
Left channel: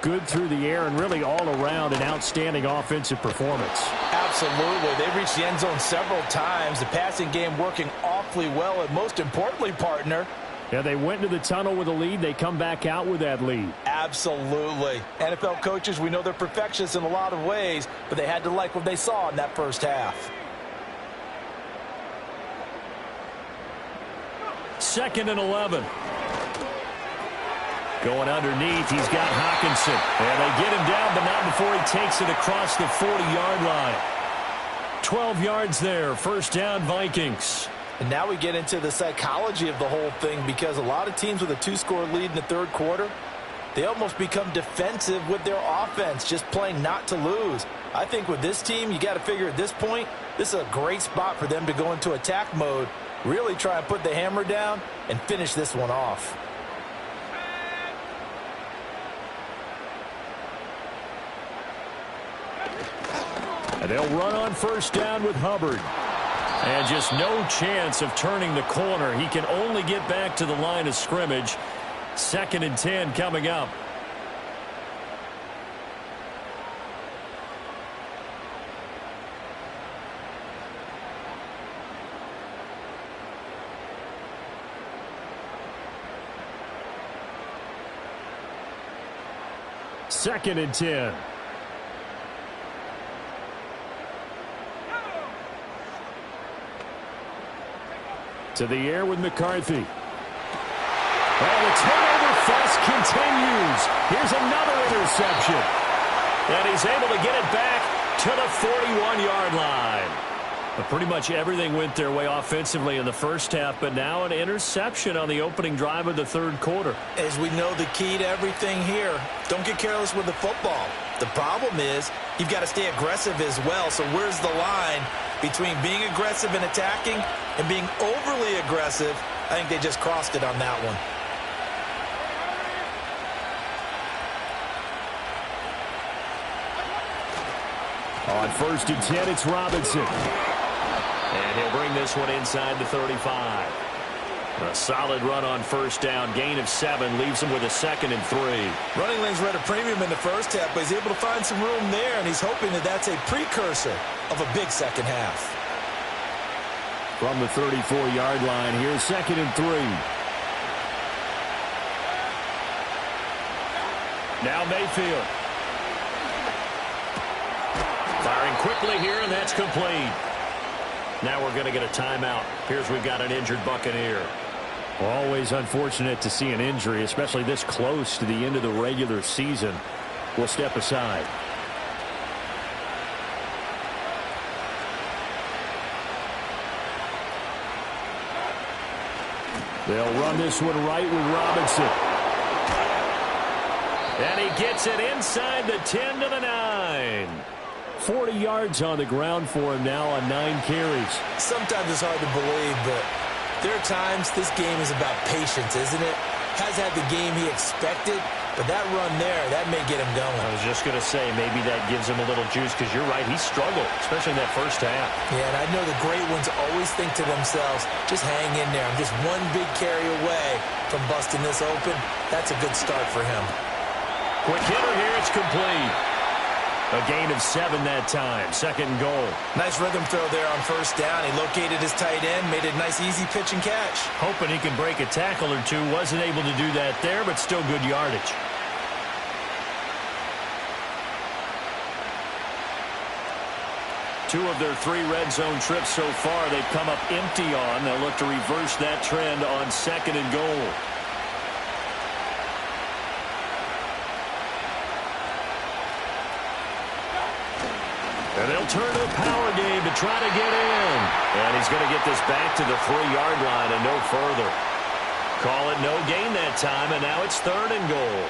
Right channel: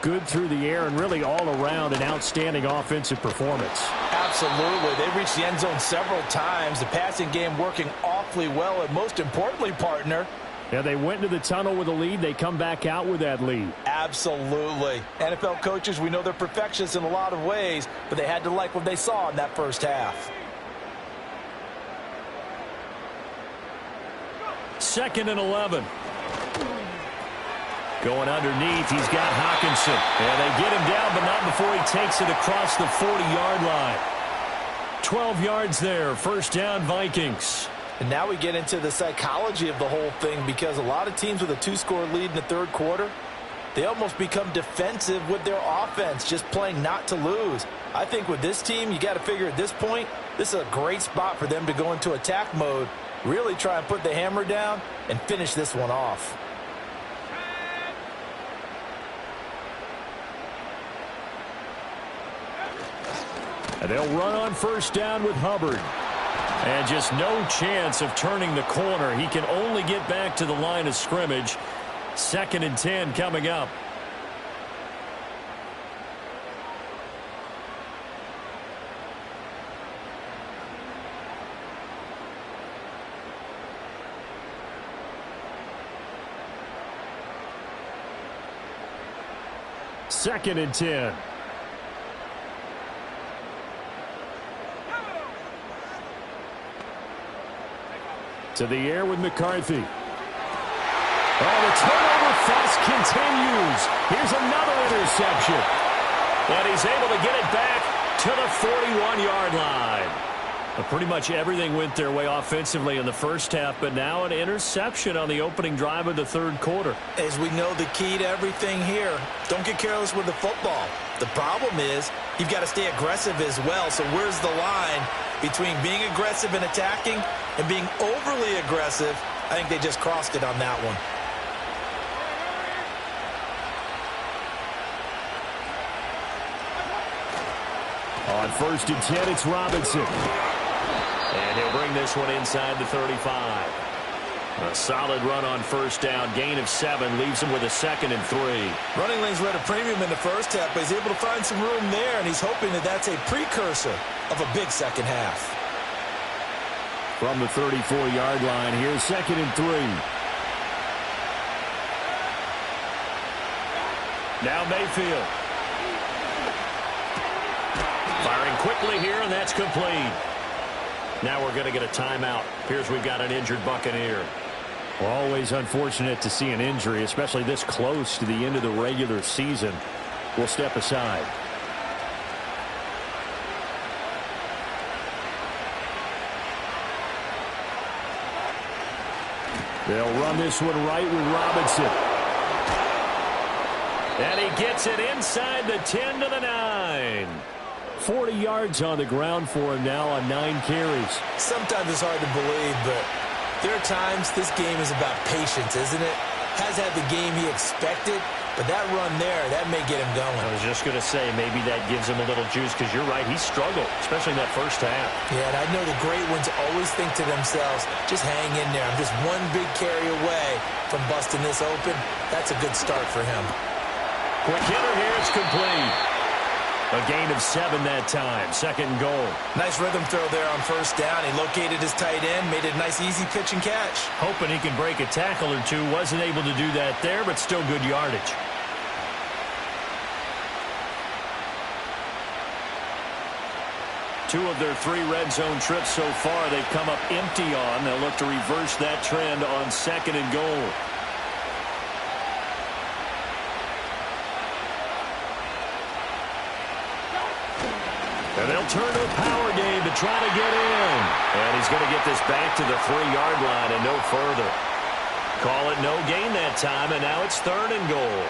good through the air and really all around an outstanding offensive performance. Absolutely. They reached the end zone several times. The passing game working awfully well, and most importantly, partner, yeah, they went into the tunnel with a lead. They come back out with that lead. Absolutely. NFL coaches, we know they're perfectionists in a lot of ways, but they had to like what they saw in that first half. 2nd and 11. Going underneath, he's got Hockenson. And they get him down, but not before he takes it across the 40-yard line. 12 yards there, first down Vikings. And now we get into the psychology of the whole thing, because a lot of teams with a 2-score lead in the third quarter, they almost become defensive with their offense, just playing not to lose. I think with this team, you got to figure at this point, this is a great spot for them to go into attack mode, really try and put the hammer down and finish this one off. And they'll run on first down with Hubbard. And just no chance of turning the corner. He can only get back to the line of scrimmage. 2nd and 10 coming up. Second and 10. To the air with McCarthy. And the turnover fest continues. Here's another interception. And he's able to get it back to the 41-yard line. But pretty much everything went their way offensively in the first half, but now an interception on the opening drive of the third quarter. As we know, the key to everything here, don't get careless with the football. The problem is you've got to stay aggressive as well. So where's the line between being aggressive and attacking and being overly aggressive? I think they just crossed it on that one. On 1st and 10, it's Robinson. And he'll bring this one inside the 35. A solid run on first down. Gain of 7 leaves him with a 2nd and 3. Running lanes were at a premium in the first half, but he's able to find some room there, and he's hoping that that's a precursor of a big second half. From the 34-yard line, here's 2nd and 3. Now Mayfield. Firing quickly here, and that's complete. Now we're going to get a timeout. Appears we've got an injured Buccaneer. Always unfortunate to see an injury, especially this close to the end of the regular season. We'll step aside. They'll run this one right with Robinson. And he gets it inside the 10 to the 9. 40 yards on the ground for him now on 9 carries. Sometimes it's hard to believe, but there are times this game is about patience, isn't it? Has had the game he expected, but that run there, that may get him going. I was just going to say, maybe that gives him a little juice, because you're right, he struggled, especially in that first half. Yeah, and I know the great ones always think to themselves, just hang in there. I'm just one big carry away from busting this open. That's a good start for him. Quick hitter here, it's complete. A gain of 7 that time, 2nd and goal. Nice rhythm throw there on first down. He located his tight end, made it a nice easy pitch and catch. Hoping he can break a tackle or two. Wasn't able to do that there, but still good yardage. Two of their 3 red zone trips so far, they've come up empty on. They'll look to reverse that trend on 2nd and goal. And they'll turn to a power game to try to get in. And he's going to get this back to the 3-yard line and no further. Call it no gain that time, and now it's 3rd and goal.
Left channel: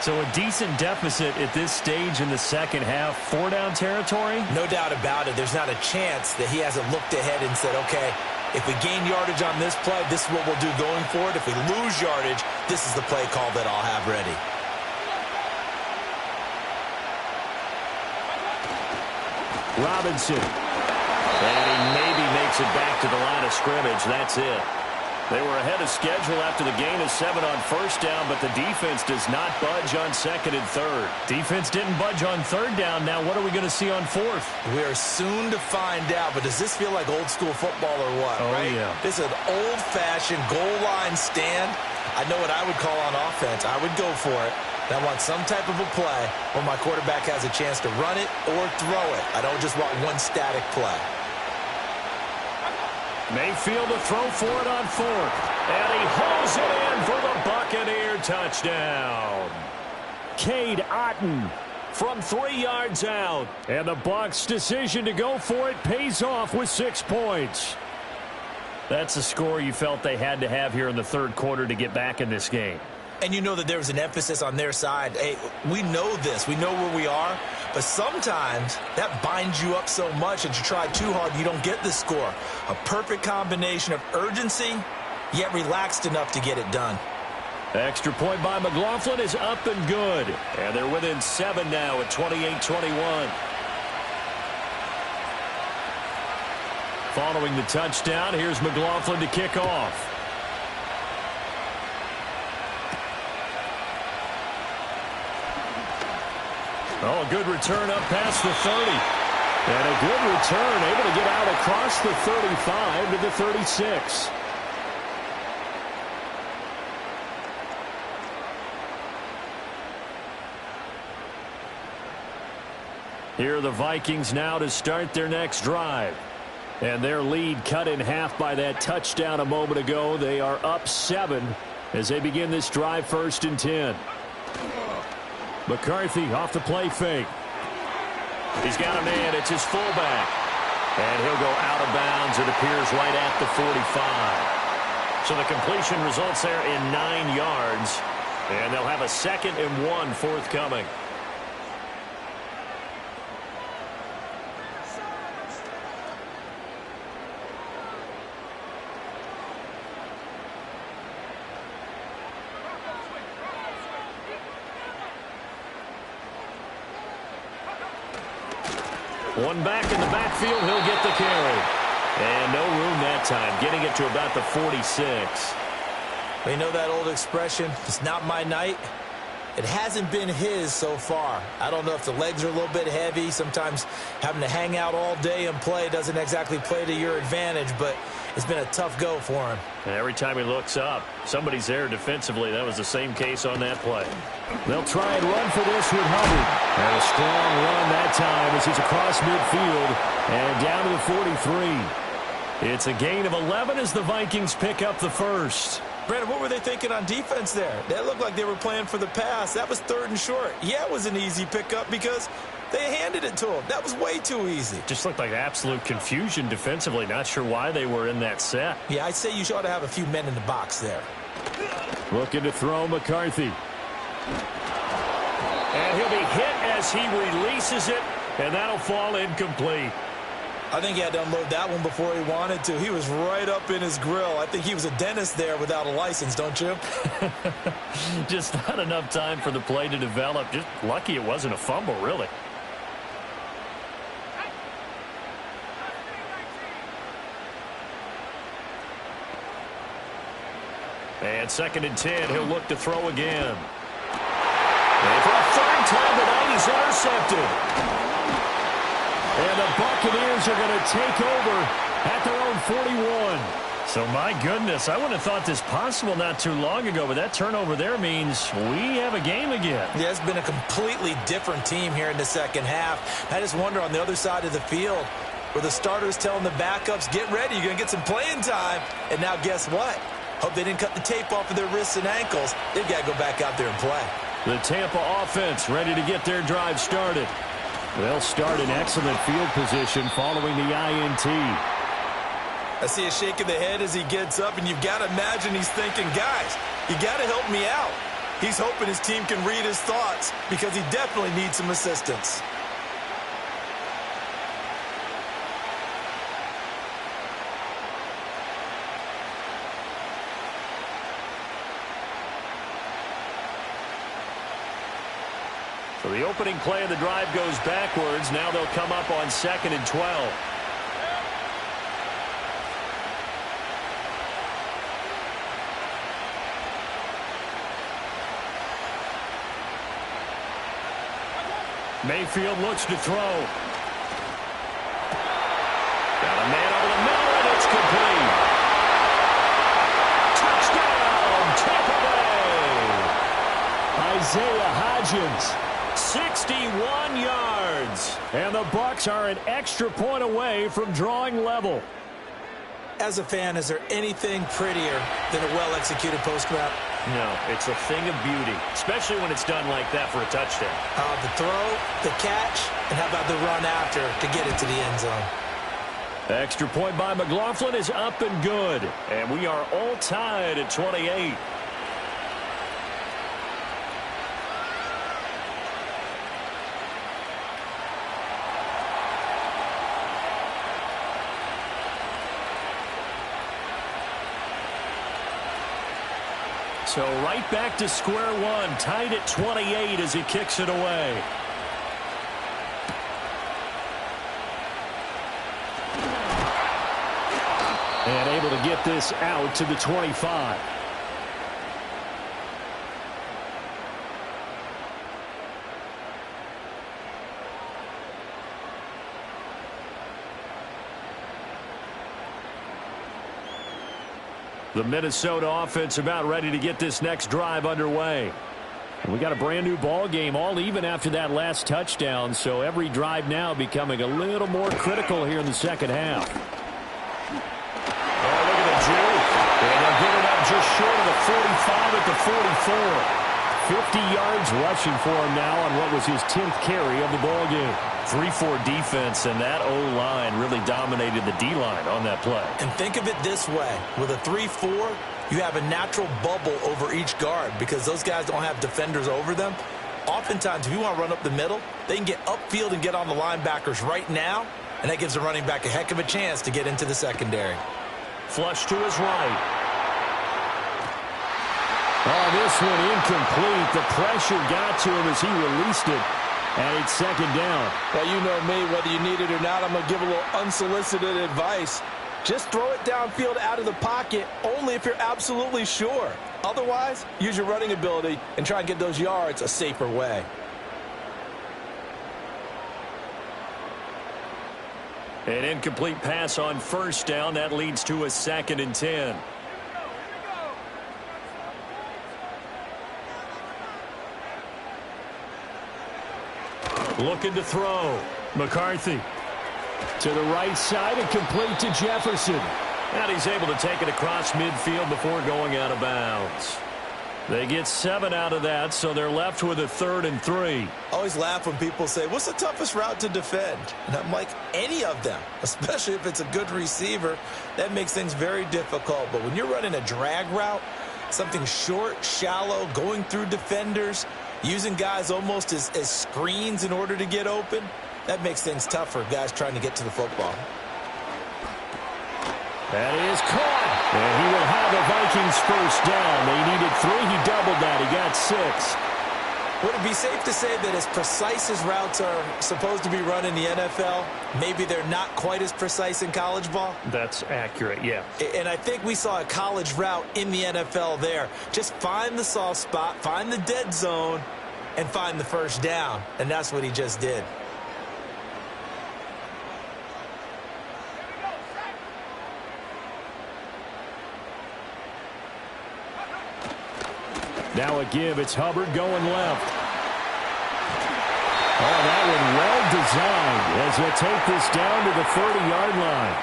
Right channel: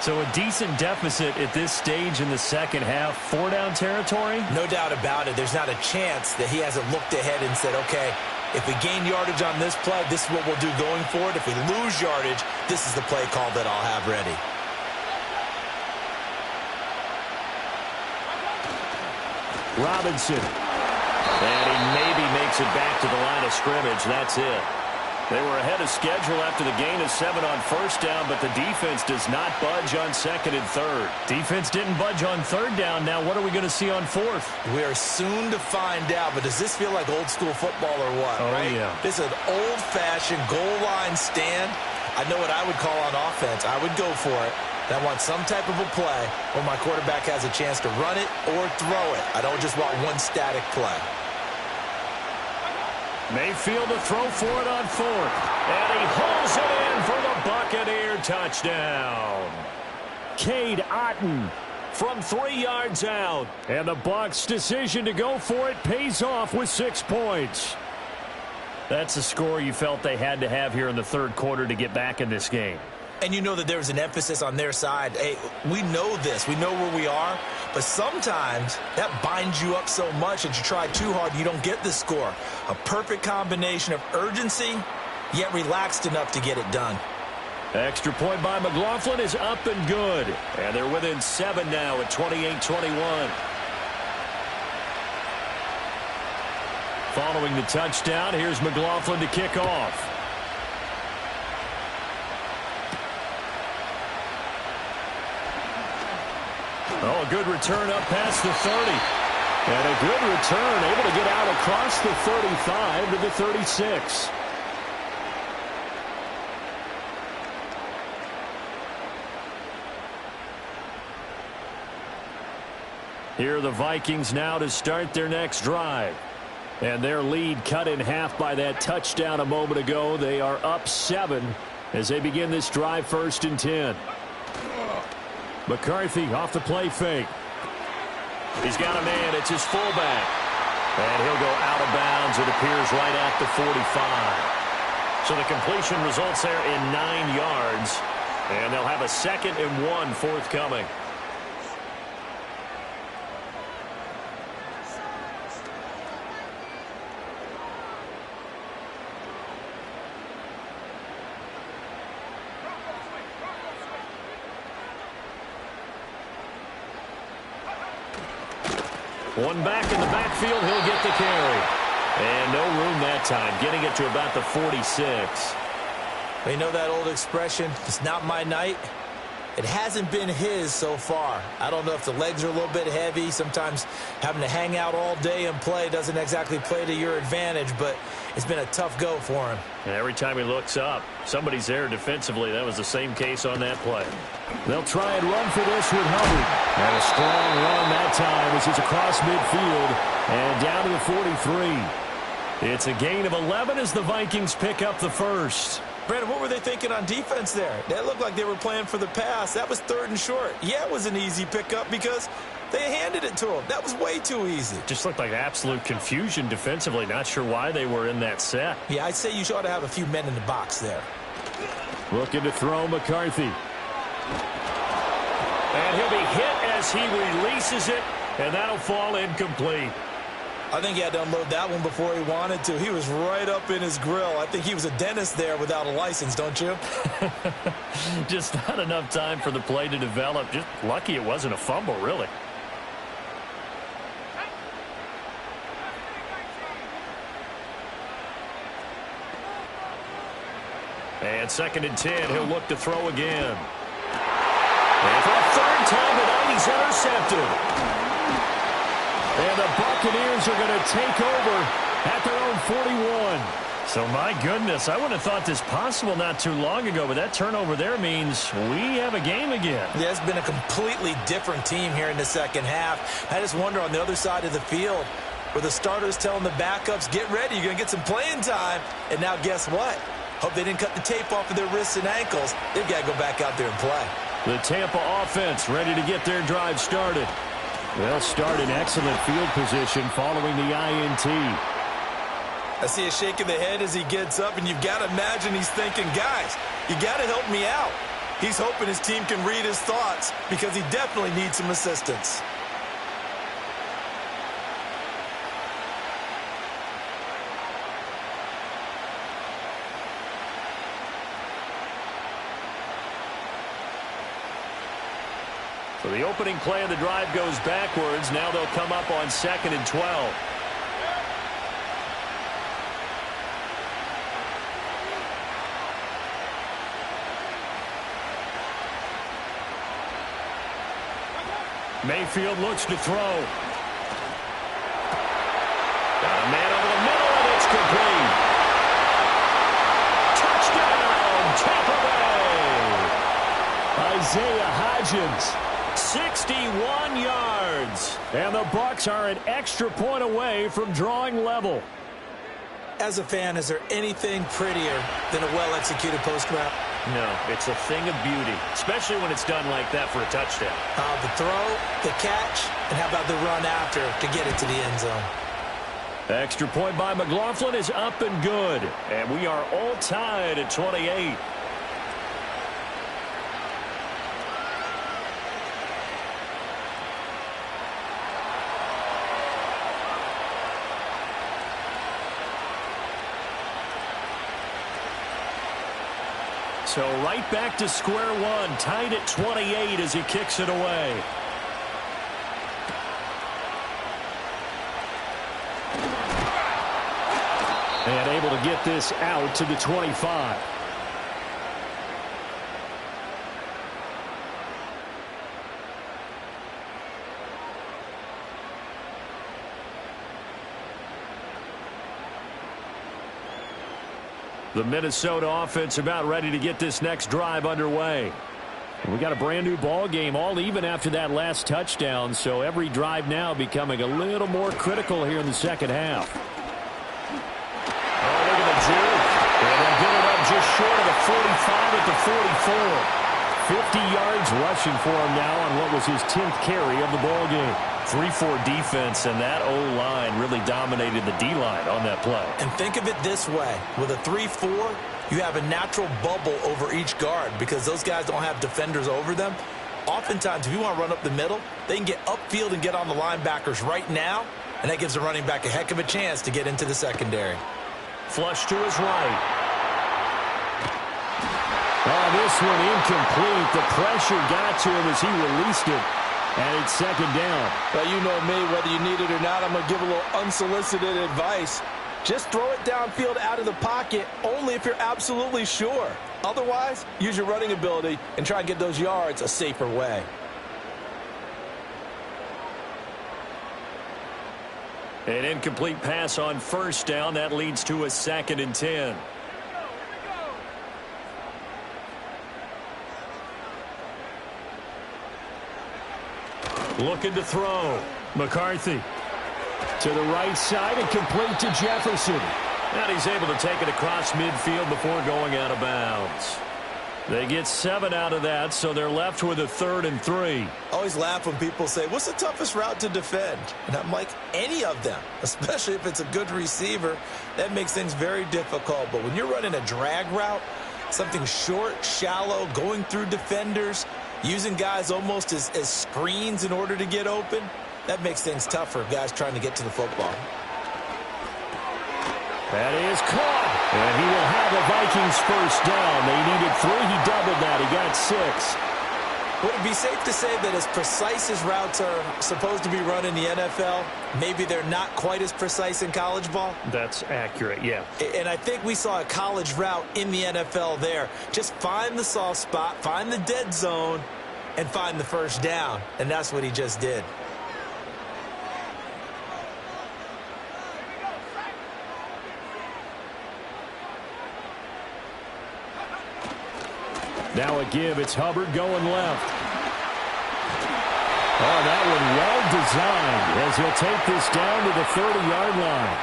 So a decent deficit at this stage in the second half. 4-down territory? No doubt about it. There's not a chance that he hasn't looked ahead and said, okay, if we gain yardage on this play, this is what we'll do going forward. If we lose yardage, this is the play call that I'll have ready. Robinson. And he maybe makes it back to the line of scrimmage. That's it. They were ahead of schedule after the gain of 7 on first down, but the defense does not budge on 2nd and 3rd. Defense didn't budge on 3rd down. Now what are we going to see on 4th? We are soon to find out, but does this feel like old school football or what? Oh, right? Yeah. This is an old-fashioned goal line stand. I know what I would call on offense. I would go for it. I want some type of a play where my quarterback has a chance to run it or throw it. I don't just want one static play. Mayfield to throw for it on 4th. And he hauls it in for the Buccaneer touchdown. Cade Otton From 3 yards out. And the Bucs' decision to go for it pays off with 6 points. That's a score you felt they had to have here in the 3rd quarter to get back in this game. And you know that there was an emphasis on their side. Hey, we know this. We know where we are. But sometimes that binds you up so much that you try too hard, you don't get the score. A perfect combination of urgency, yet relaxed enough to get it done. Extra point by McLaughlin is up and good. And they're within 7 now at 28-21. Following the touchdown, here's McLaughlin to kick off. Oh, a good return up past the 30. And a good return, able to get out across the 35 to the 36. Here are the Vikings now to start their next drive. And their lead cut in half by that touchdown a moment ago. They are up 7 as they begin this drive, 1st and 10. McCarthy off the play fake. He's got a man. It's his fullback. And he'll go out of bounds. It appears right at the 45. So the completion results there in 9 yards. And they'll have a 2nd and 1 forthcoming. One back in the backfield, he'll get the carry. And no room that time, getting it to about the 46. You know that old expression, it's not my night? It hasn't been his so far. I don't know if the legs are a little bit heavy. Sometimes having to hang out all day and play doesn't exactly play to your advantage, but it's been a tough go for him. And every time he looks up, somebody's there defensively. That was the same case on that play. They'll try and run for this with Hubbard. And a strong run that time as he's across midfield and down to the 43. It's a gain of 11 as the Vikings pick up the first. Brandon, what were they thinking on defense there? They looked like they were playing for the pass. That was 3rd and short. Yeah, it was an easy pickup because they handed it to him. That was way too easy. Just looked like absolute confusion defensively. Not sure why they were in that set. Yeah, I'd say you ought to have a few men in the box there. Looking to throw McCarthy. And he'll be hit as he releases it, and that'll fall incomplete. I think he had to unload that one before he wanted to. He was right up in his grill. I think he was a dentist there without a license, don't you? Just not enough time for the play to develop. Just lucky it wasn't a fumble, really. And 2nd and 10, he'll look to throw again. And for a 3rd time tonight, he's intercepted. And the Buccaneers are going to take over at their own 41. So, my goodness, I wouldn't have thought this possible not too long ago, but that turnover there means we have a game again. Yeah, it's been a completely different team here in the second half. I just wonder on the other side of the field where the starters telling the backups, get ready, you're going to get some playing time. And now guess what? Hope they didn't cut the tape off of their wrists and ankles. They've got to go back out there and play. The Tampa offense ready to get their drive started. They'll start in excellent field position following the INT. I see a shake of the head as he gets up, and you've got to imagine he's thinking, guys, you got to help me out. He's hoping his team can read his thoughts because he definitely needs some assistance. So the opening play of the drive goes backwards. Now they'll come up on 2nd and 12. Mayfield looks to throw. Got a man over the middle, and it's complete. Touchdown, Tampa Bay. Isaiah Hodgins. 61 yards. And the Bucs are an extra point away from drawing level. As a fan, is there anything prettier than a well-executed post route? No, it's a thing of beauty, especially when it's done like that for a touchdown. The throw, the catch, and how about the run after to get it to the end zone? Extra point by McLaughlin is up and good. And we are all tied at 28. So right back to square one, tied at 28 as he kicks it away. And able to get this out to the 25. The Minnesota offense about ready to get this next drive underway. And we got a brand new ball game, all even after that last touchdown. So every drive now becoming a little more critical here in the second half. Oh, look at the juke. And they'll get it up just short of the 45 at the 44. 50 yards rushing for him now on what was his 10th carry of the ball game. 3-4 defense, and that O-line really dominated the D-line on that play. And think of it this way. With a 3-4, you have a natural bubble over each guard because those guys don't have defenders over them. Oftentimes, if you want to run up the middle, they can get upfield and get on the linebackers right now, and that gives the running back a heck of a chance to get into the secondary. Flush to his right. Oh, this one incomplete. The pressure got to him as he released it. And it's second down. Well, you know me, whether you need it or not, I'm going to give a little unsolicited advice. Just throw it downfield out of the pocket only if you're absolutely sure. Otherwise, use your running ability and try and get those yards a safer way. An incomplete pass on first down. That leads to a 2nd and 10. Looking to throw. McCarthy. To the right side and complete to Jefferson. And he's able to take it across midfield before going out of bounds. They get 7 out of that, so they're left with a 3rd and 3. I always laugh when people say, what's the toughest route to defend? And I'm like, any of them, especially if it's a good receiver. That makes things very difficult. But when you're running a drag route, something short, shallow, going through defenders, using guys almost as screens in order to get open, that makes things tough for guys trying to get to the football. That is caught. And he will have a Vikings first down. They needed 3. He doubled that. He got 6. Would it be safe to say that as precise as routes are supposed to be run in the NFL, maybe they're not quite as precise in college ball? That's accurate, yeah. And I think we saw a college route in the NFL there. Just find the soft spot, find the dead zone, and find the first down. And that's what he just did. Now a give. It's Hubbard going left. Oh, that one well designed as he'll take this down to the 30-yard line.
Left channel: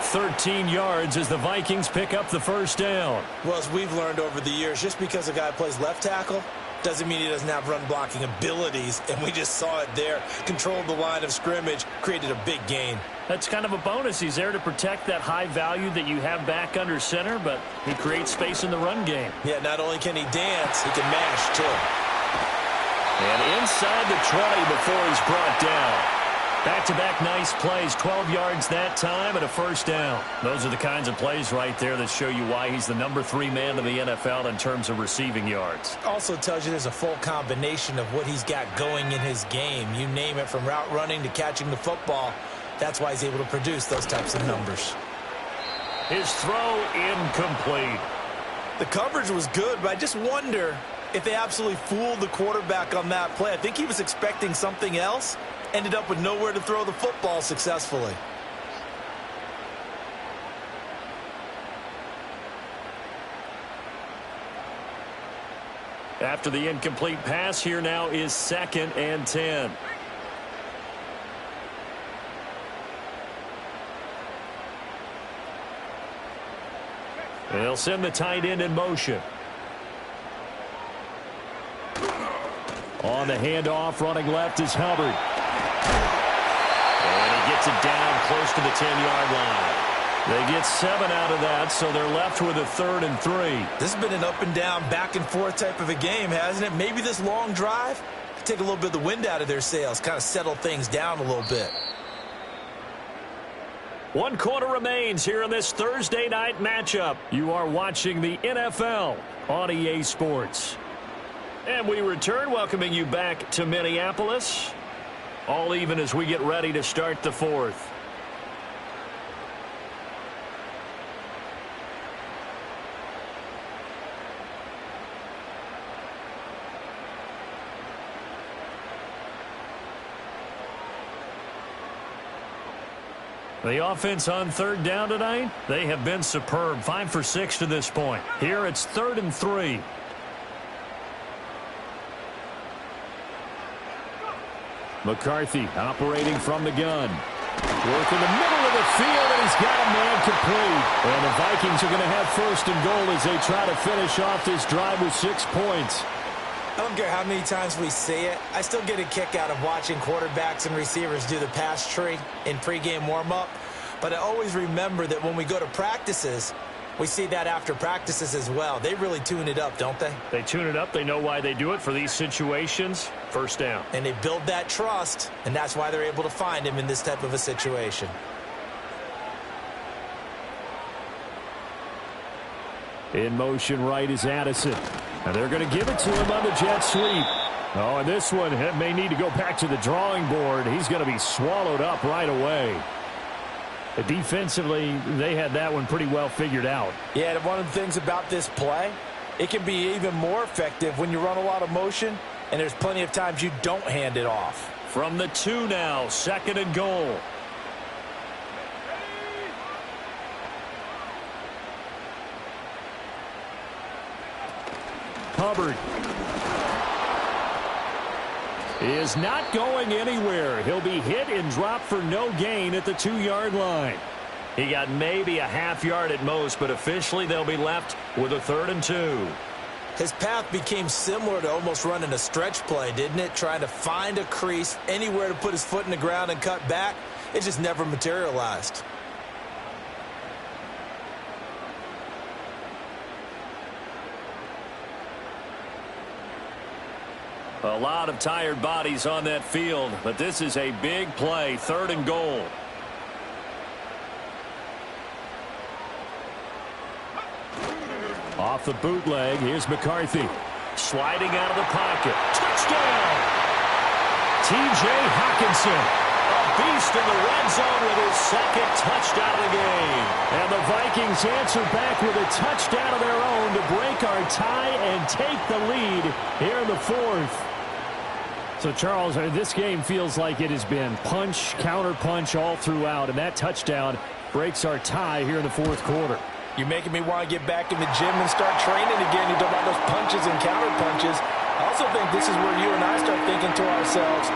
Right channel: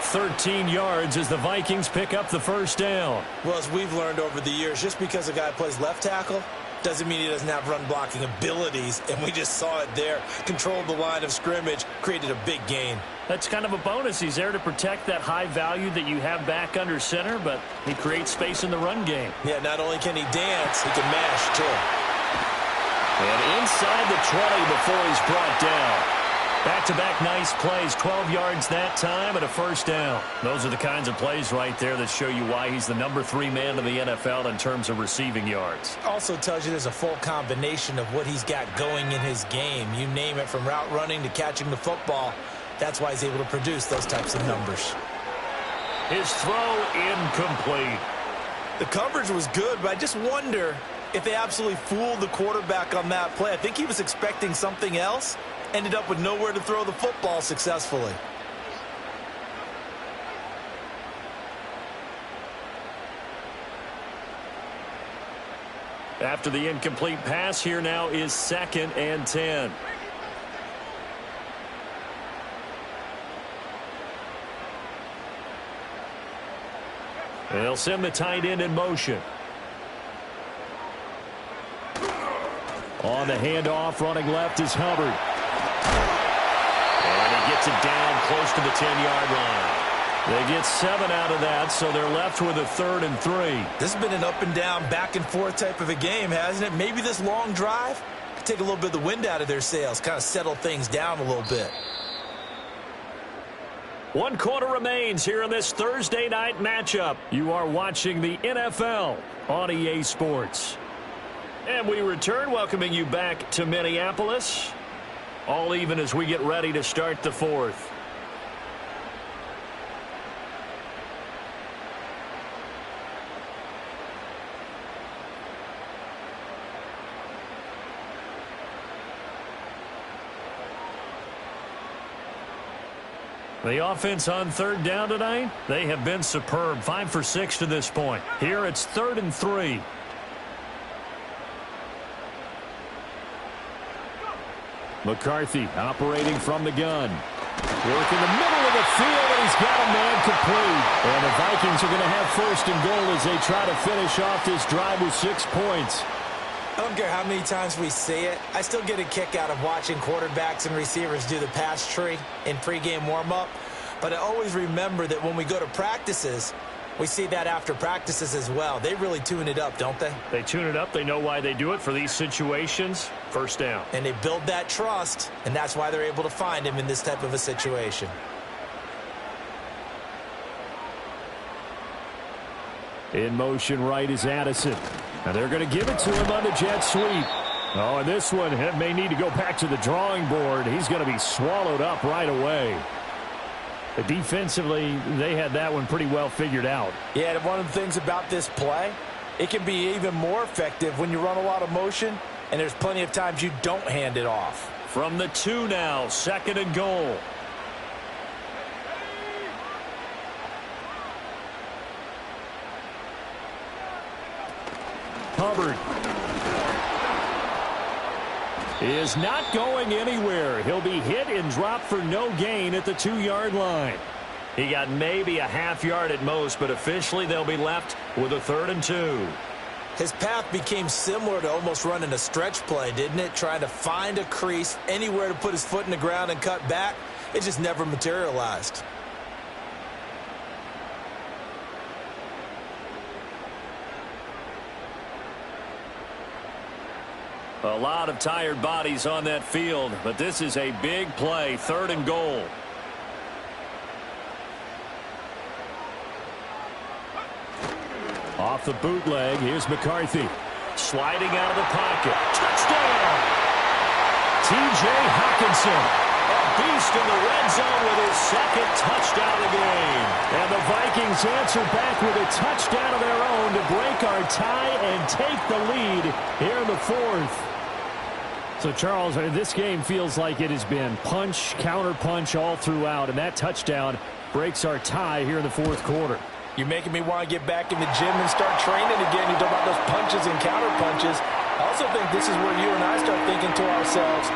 13 yards as the Vikings pick up the first down. Well, as we've learned over the years, just because a guy plays left tackle doesn't mean he doesn't have run-blocking abilities, and we just saw it there. Controlled the line of scrimmage, created a big gain. That's kind of a bonus. He's there to protect that high value that you have back under center, but he creates space in the run game. Yeah, not only can he dance, he can mash, too. And inside the 20 before he's brought down. Back-to-back nice plays, 12 yards that time and a first down. Those are the kinds of plays right there that show you why he's the number 3 man in the NFL in terms of receiving yards. Also tells you there's a full combination of what he's got going in his game. You name it, from route running to catching the football. That's why he's able to produce those types of numbers. His throw incomplete. The coverage was good, but I just wonder if they absolutely fooled the quarterback on that play. I think he was expecting something else. Ended up with nowhere to throw the football successfully. After the incomplete pass, here now is 2nd and 10. They'll send the tight end in motion. On the handoff, running left is Hubbard. And he gets it down close to the 10-yard line. They get 7 out of that, so they're left with a 3rd and 3. This has been an up-and-down, back-and-forth type of a game, hasn't it? Maybe this long drive could take a little bit of the wind out of their sails, kind of settle things down a little bit. 1 quarter remains here in this Thursday night matchup. You are watching the NFL on EA Sports. And we return, welcoming you back to Minneapolis. All even as we get ready to start the 4th. The offense on 3rd down tonight, they have been superb. 5 for 6 to this point. Here it's 3rd and 3. McCarthy operating from the gun. Work in the middle of the field, and he's got a man complete. And the Vikings are going to have 1st and goal as they try to finish off this drive with 6 points. I don't care how many times we see it. I still get a kick out of watching quarterbacks and receivers do the pass tree in pregame warm-up. But I always remember that when we go to practices, we see that after practices as well. They really tune it up, don't they? They tune it up. They know why they do it for these situations. 1st down. And they build that trust, and that's why they're able to find him in this type of a situation. In motion right is Addison. And they're going to give it to him on the jet sweep. Oh, and this one may need to go back to the drawing board. He's going to be swallowed up right away. Defensively, they had that one pretty well figured out. Yeah, and one of the things about this play, it can be even more effective when you run a lot of motion, and there's plenty of times you don't hand it off. From the 2 now, 2nd and goal. Hubbard. is not going anywhere. He'll be hit and dropped for no gain at the 2-yard line. He got maybe a half yard at most, but officially they'll be left with a 3rd and 2. His path became similar to almost running a stretch play, didn't it? Trying to find a crease, anywhere to put his foot in the ground and cut back. It just never materialized. A lot of tired bodies on that field, but this is a big play, 3rd and goal. Off the bootleg, here's McCarthy. Sliding out of the pocket. Touchdown! T.J. Hockenson. A beast in the red zone with his 2nd touchdown of the game. And the Vikings answer back with a touchdown of their own to break our tie and take the lead here in the 4th. So, Charles, this game feels like it has been punch, counter-punch all throughout, and that touchdown breaks our tie here in the 4th quarter. You're making me want to get back in the gym and start training again. You talk about those punches and counter punches. I also think this is where you and I start thinking to ourselves,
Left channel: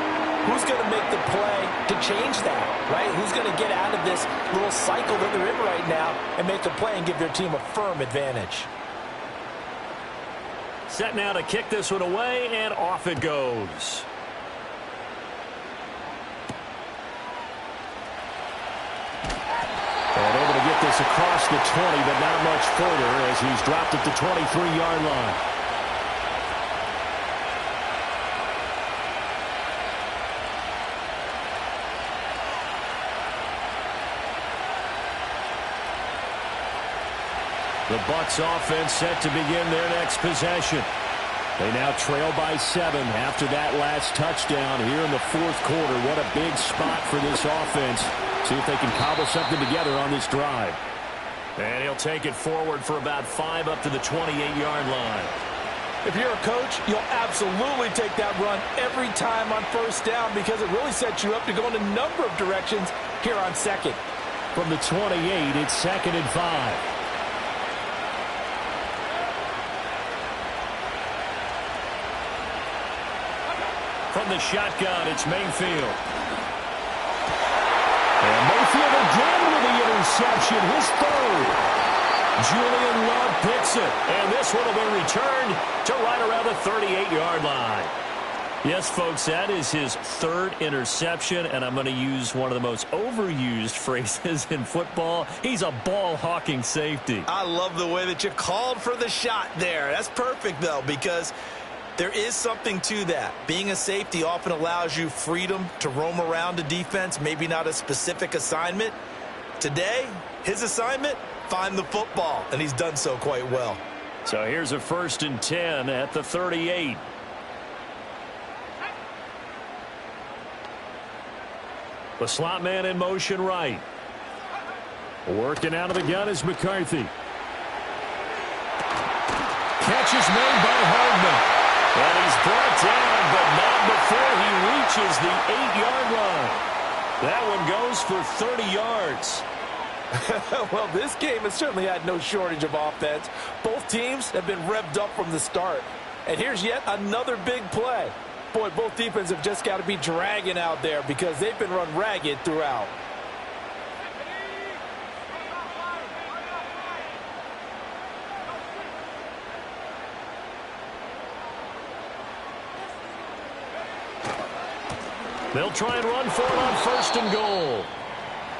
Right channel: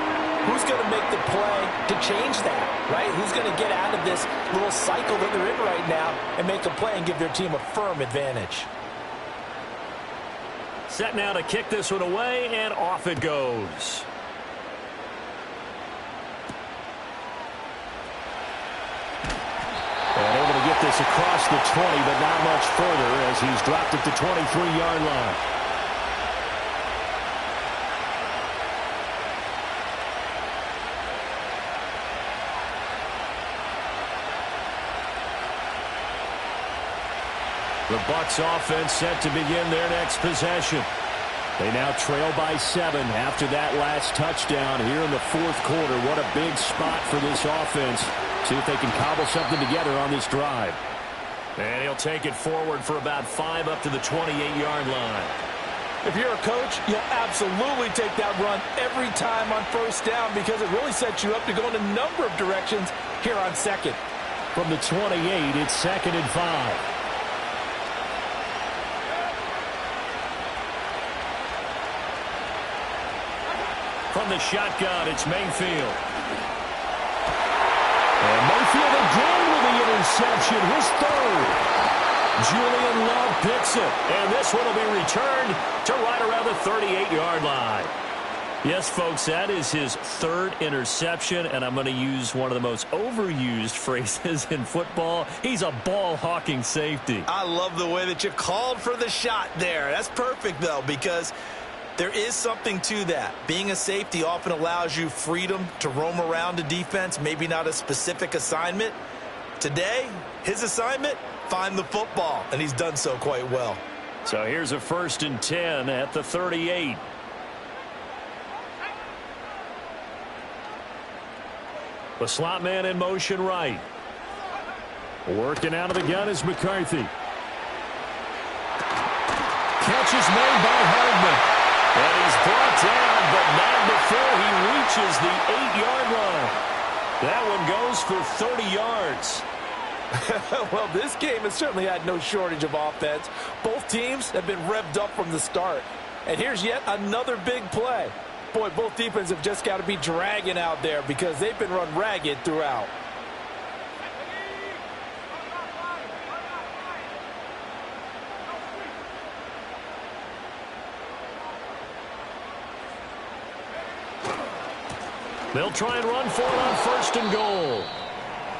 who's going to make the play to change that, right? Who's going to get out of this little cycle that they're in right now and make a play and give their team a firm advantage? Set now to kick this one away, and off it goes. And able to get this across the 20, but not much further as he's dropped at the 23-yard line. The Bucs offense set to begin their next possession. They now trail by 7 after that last touchdown here in the 4th quarter. What a big spot for this offense. See if they can cobble something together on this drive. And he'll take it forward for about 5 up to the 28-yard line. If you're a coach, you'll absolutely take that run every time on 1st down because it really sets you up to go in a number of directions here on 2nd. From the 28, it's 2nd and 5. From the shotgun, it's Mayfield. And Mayfield again with the interception, his 3rd. Julian Love picks it, and this one will be returned to right around the 38-yard line. Yes, folks, that is his 3rd interception, and I'm going to use one of the most overused phrases in football. He's a ball-hawking safety. I love the way that you called for the shot there. That's perfect, though, because there is something to that. Being a safety often allows you freedom to roam around a defense, maybe not a specific assignment. Today, his assignment, find the football, and he's done so quite well. So here's a 1st and 10 at the 38. The slot man in motion right. Working out of the gun is McCarthy. Catch is made by Hardman. And he's brought down, but not before he reaches the 8-yard line. That one goes for 30 yards. Well, this game has certainly had no shortage of offense. Both teams have been revved up from the start. And here's yet another big play. Boy, both defenses have just got to be dragging out there because they've been run ragged throughout. They'll try and run for it on 1st and goal.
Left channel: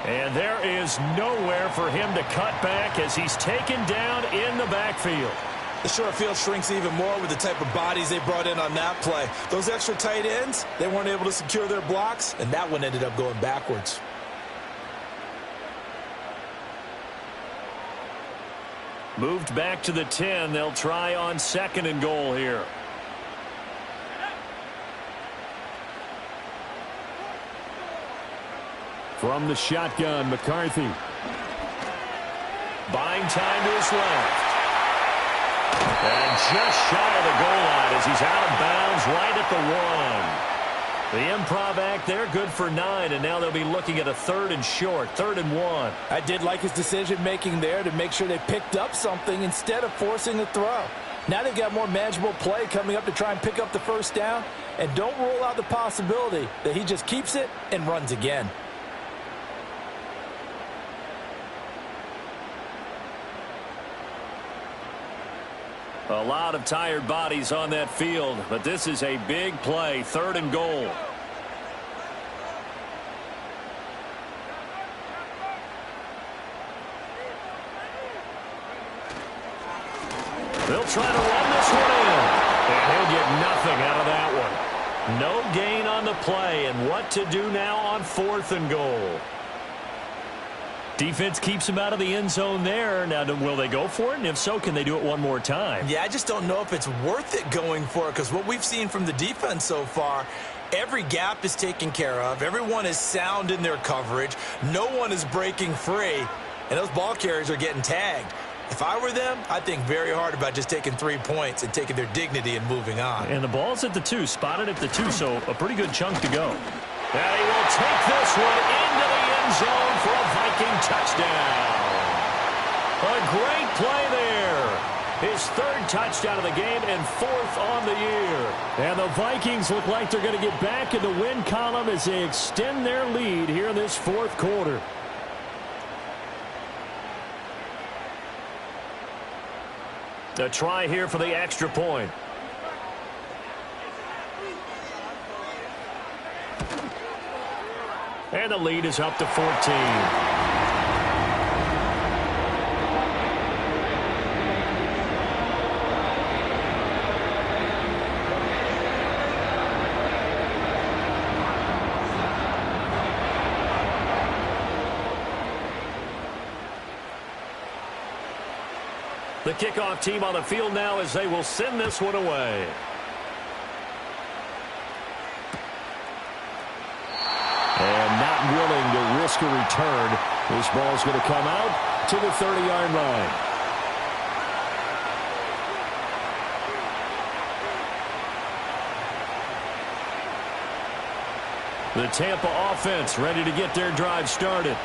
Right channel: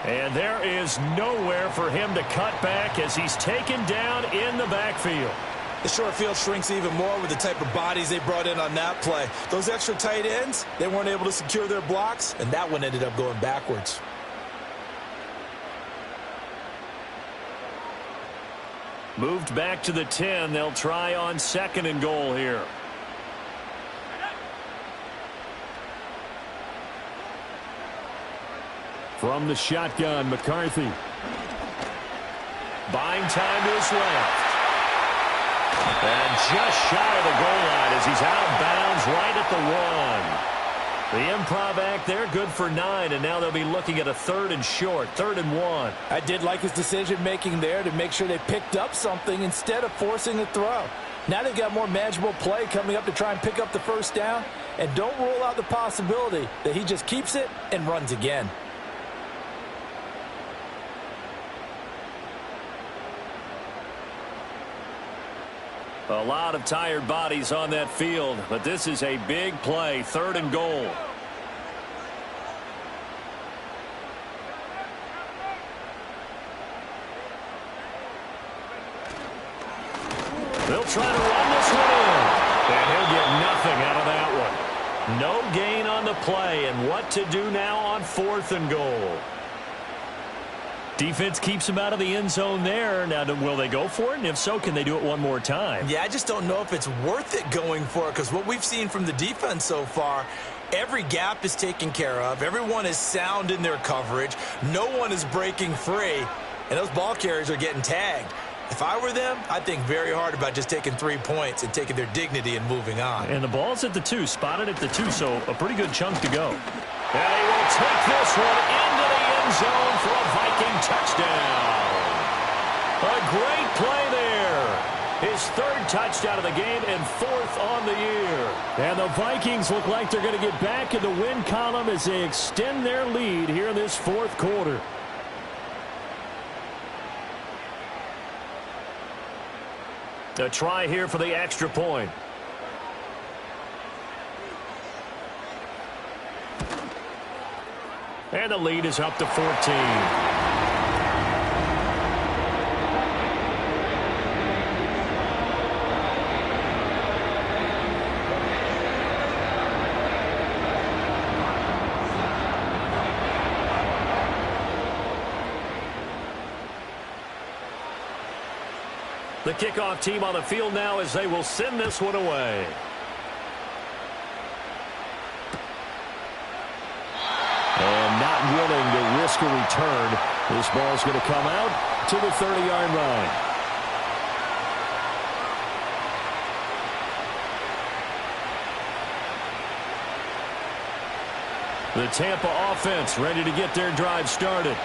And there is nowhere for him to cut back as he's taken down in the backfield. The short field shrinks even more with the type of bodies they brought in on that play. Those extra tight ends, they weren't able to secure their blocks, and that one ended up going backwards. Moved back to the 10. They'll try on 2nd and goal here. From the shotgun, McCarthy. Buying time to his left. And just shy of the goal line as he's out of bounds right at the 1. The improv act there, good for 9, and now they'll be looking at a 3rd and short, 3rd and 1. I did like his decision-making there to make sure they picked up something instead of forcing a throw. Now they've got more manageable play coming up to try and pick up the first down. And don't rule out the possibility that he just keeps it and runs again. A lot of tired bodies on that field, but this is a big play, 3rd and goal. They'll try to run this one in, and he'll get nothing out of that one. No gain on the play, and what to do now on 4th and goal. Defense keeps him out of the end zone there. Now, will they go for it? And if so, can they do it one more time? Yeah, I just don't know if it's worth it going for it, because what we've seen from the defense so far, every gap is taken care of. Everyone is sound in their coverage. No one is breaking free, and those ball carriers are getting tagged. If I were them, I'd think very hard about just taking 3 points and taking their dignity and moving on. And the ball's at the 2, spotted at the 2, so a pretty good chunk to go. And he will take this one into the end zone for a Viking touchdown. A great play there. His 3rd touchdown of the game and 4th on the year. And the Vikings look like they're going to get back in the win column as they extend their lead here in this 4th quarter. A try here for the extra point. And the lead is up to 14. The kickoff team on the field now as they will send this one away. And not willing to risk a return. This ball's going to come out to the 30-yard line. The Tampa offense ready to get their drive started.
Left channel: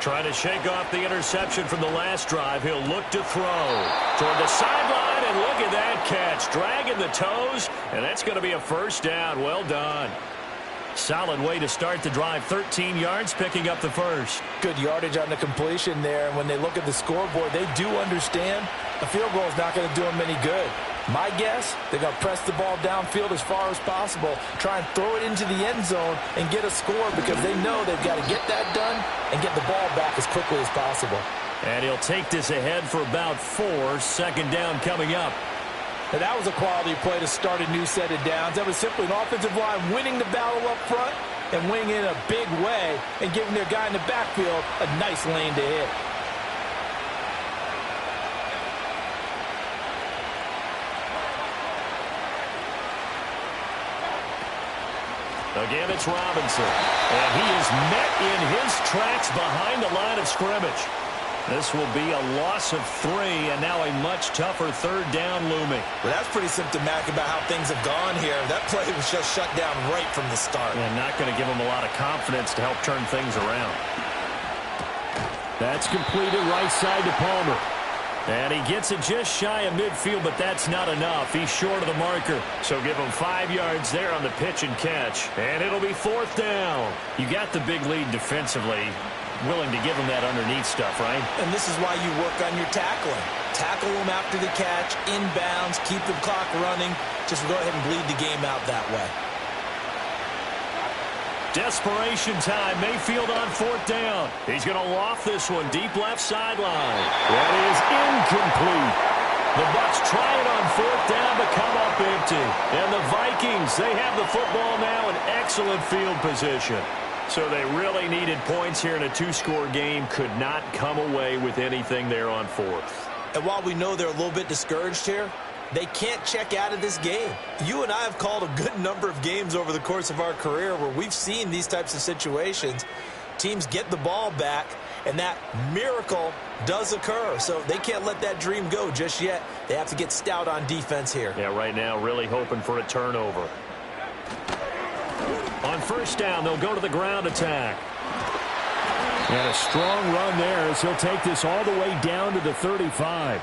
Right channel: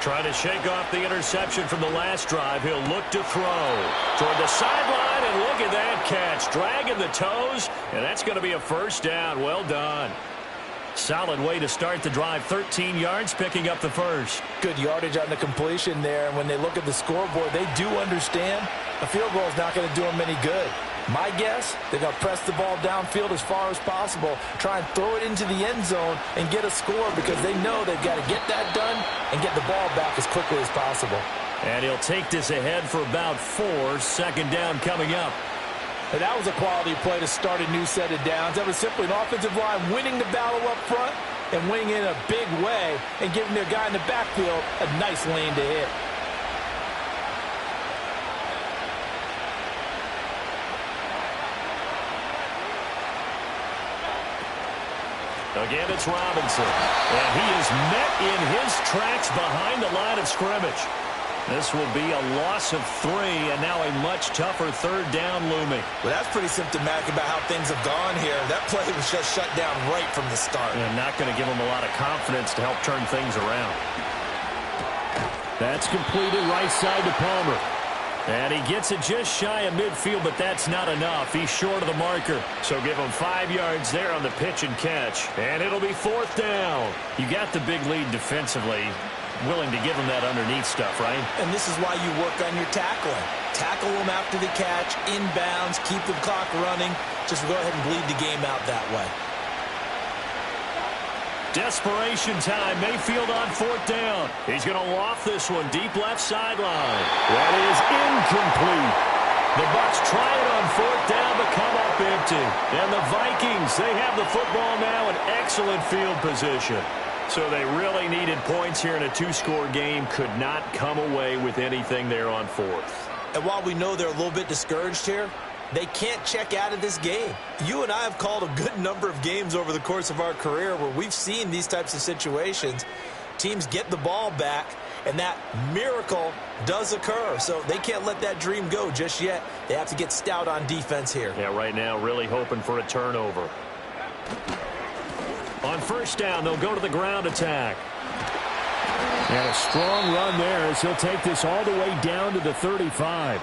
Trying to shake off the interception from the last drive. He'll look to throw toward the sideline, and look at that catch. Dragging the toes, and that's going to be a first down. Well done. Solid way to start the drive. 13 yards, picking up the first. Good yardage on the completion there. And when they look at the scoreboard, they do understand a field goal is not going to do them any good. My guess, they're going to press the ball downfield as far as possible, try and throw it into the end zone and get a score, because they know they've got to get that done and get the ball back as quickly as possible. And he'll take this ahead for about 4. Second down coming up. And that was a quality play to start a new set of downs. That was simply an offensive line winning the battle up front and winning in a big way and giving their guy in the backfield a nice lane to hit. Again, it's Robinson. And he is met in his tracks behind the line of scrimmage. This will be a loss of 3, and now a much tougher 3rd down looming. Well, that's pretty symptomatic about how things have gone here. That play was just shut down right from the start. And not going to give him a lot of confidence to help turn things around. That's completed right side to Palmer. And he gets it just shy of midfield, but that's not enough. He's short of the marker. So give him 5 yards there on the pitch and catch. And it'll be 4th down. You got the big lead defensively. Willing to give him that underneath stuff, right? And this is why you work on your tackling. Tackle them after the catch, inbounds, keep the clock running. Just go ahead and bleed the game out that way. Desperation time. Mayfield on 4th down. He's going to loft this one deep left sideline. That is incomplete. The Bucs try it on 4th down, but come up empty. And the Vikings, they have the football now in excellent field position. So they really needed points here in a 2-score game. Could not come away with anything there on 4th. And while we know they're a little bit discouraged here, they can't check out of this game. You and I have called a good number of games over the course of our career where we've seen these types of situations. Teams get the ball back, and that miracle does occur. So they can't let that dream go just yet. They have to get stout on defense here. Yeah, right now really hoping for a turnover. first down. They'll go to the ground attack. And a strong run there as he'll take this all the way down to the 35.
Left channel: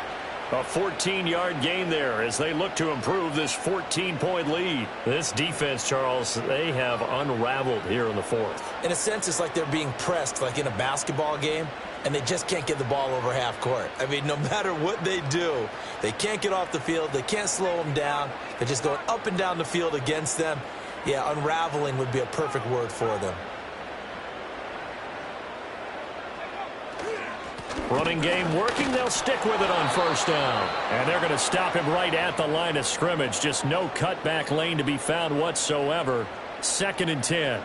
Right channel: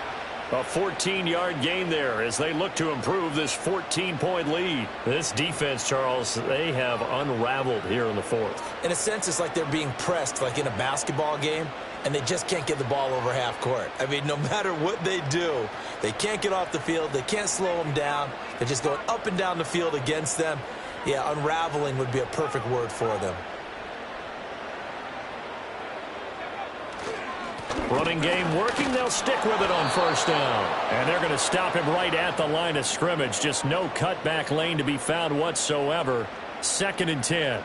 A 14-yard gain there as they look to improve this 14-point lead. This defense, Charles, they have unraveled here in the fourth. In a sense, it's like they're being pressed like in a basketball game, and they just can't get the ball over half court. I mean, no matter what they do, they can't get off the field. They can't slow them down. They're just going up and down the field against them. Yeah, unraveling would be a perfect word for them. Running game working. They'll stick with it on first down. And they're going to stop him right at the line of scrimmage. Just no cutback lane to be found whatsoever. 2nd and 10.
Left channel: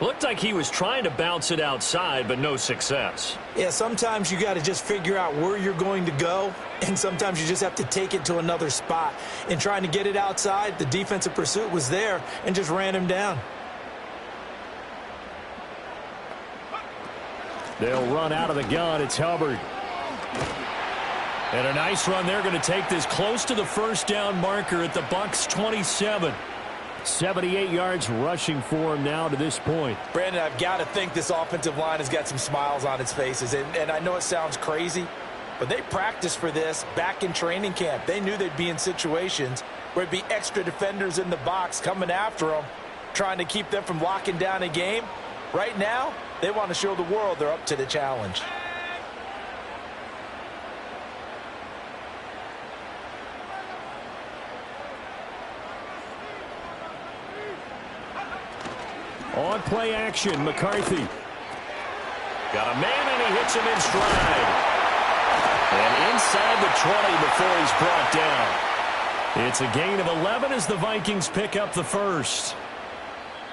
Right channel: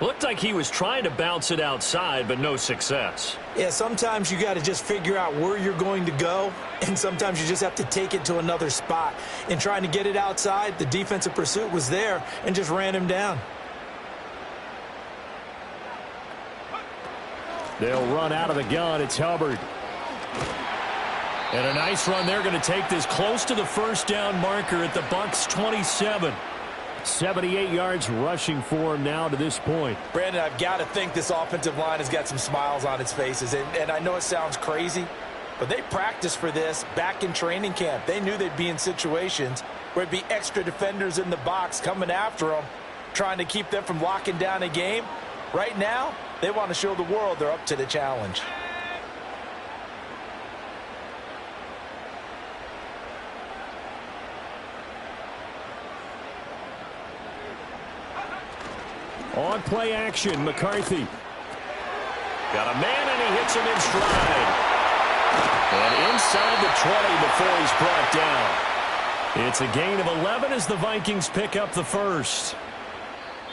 Looked like he was trying to bounce it outside, but no success. Yeah, sometimes you got to just figure out where you're going to go, and sometimes you just have to take it to another spot. In trying to get it outside, the defensive pursuit was there and just ran him down. They'll run out of the gun. It's Hubbard. And a nice run. They're going to take this close to the first down marker at the Bucs 27. 78 yards rushing for him now to this point. Brandon, I've got to think this offensive line has got some smiles on its faces. And I know it sounds crazy, but they practiced for this back in training camp. They knew they'd be in situations where it'd be extra defenders in the box coming after them, trying to keep them from locking down a game. Right now, they want to show the world they're up to the challenge. On play action, McCarthy. Got a man, and he hits him in stride. And inside the 20 before he's brought down. It's a gain of 11 as the Vikings pick up the first.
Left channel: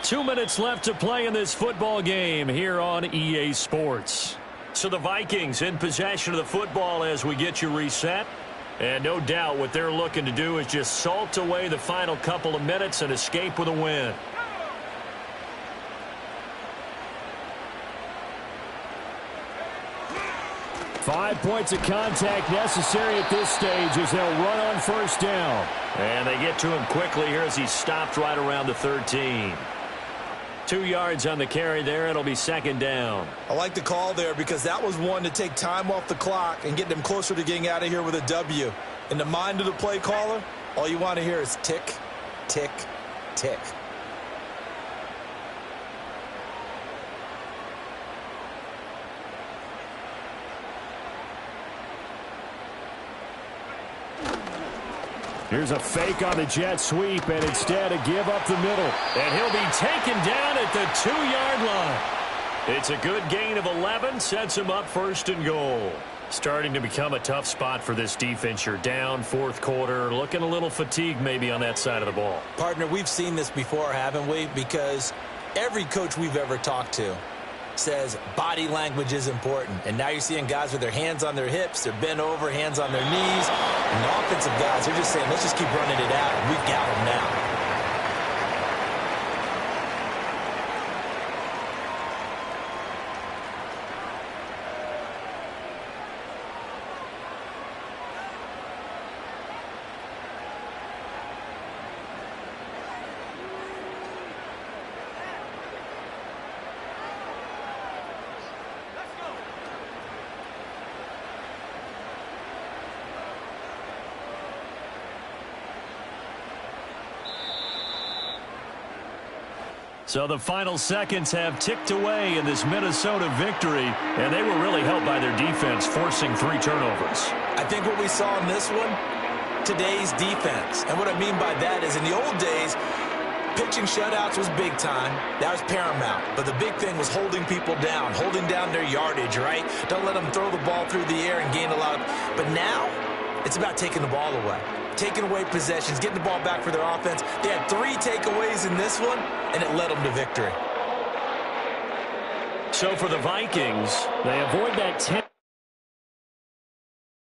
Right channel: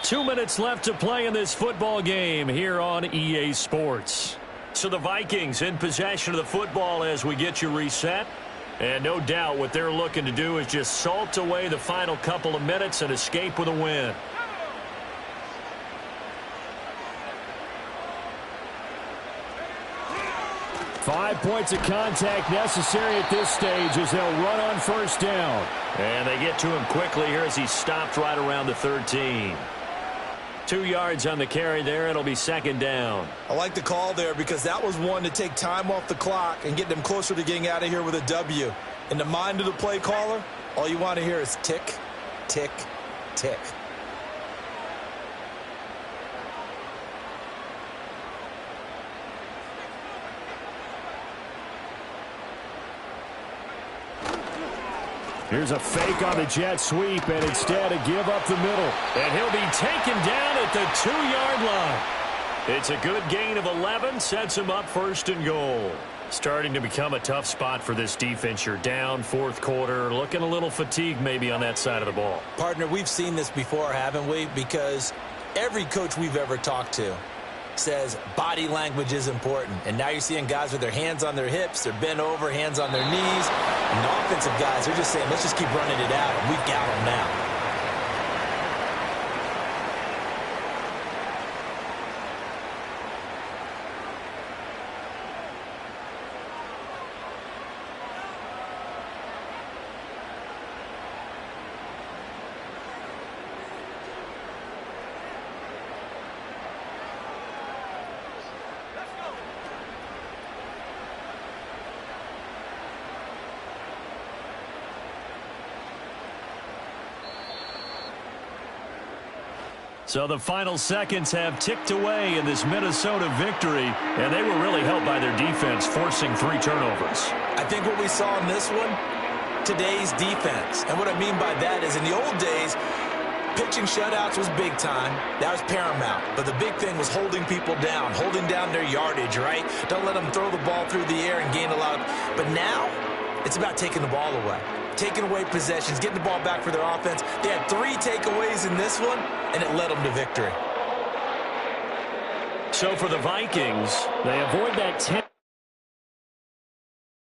2 minutes left to play in this football game here on EA Sports. So the Vikings in possession of the football as we get you reset. And no doubt what they're looking to do is just salt away the final couple of minutes and escape with a win. Five points of contact necessary at this stage as they'll run on first down. And they get to him quickly here as he stopped right around the 13. 2 yards on the carry there. It'll be 2nd down. I like the call there because that was one to take time off the clock and get them closer to getting out of here with a W. In the mind of the play caller, all you want to hear is tick, tick, tick. Here's a fake on the jet sweep, and instead a give up the middle. And he'll be taken down at the 2-yard line. It's a good gain of 11, sets him up 1st and goal. Starting to become a tough spot for this defense. You're down 4th quarter, looking a little fatigued maybe on that side of the ball. Partner, we've seen this before, haven't we? Because every coach we've ever talked to says body language is important. And now you're seeing guys with their hands on their hips, they're bent over, hands on their knees. And the offensive guys, they're just saying, let's just keep running it out, and we've got them now. So the final seconds have ticked away in this Minnesota victory, and they were really helped by their defense, forcing 3 turnovers. I think what we saw in this one, today's defense. And what I mean by that is in the old days, pitching shutouts was big time. That was paramount. But the big thing was holding people down, holding down their yardage, right? Don't let them throw the ball through the air and gain a lot. But now, it's about taking the ball away. Taking away possessions, getting the ball back for their offense. They had 3 takeaways in this one, and it led them to victory. So for the Vikings, they avoid that 10.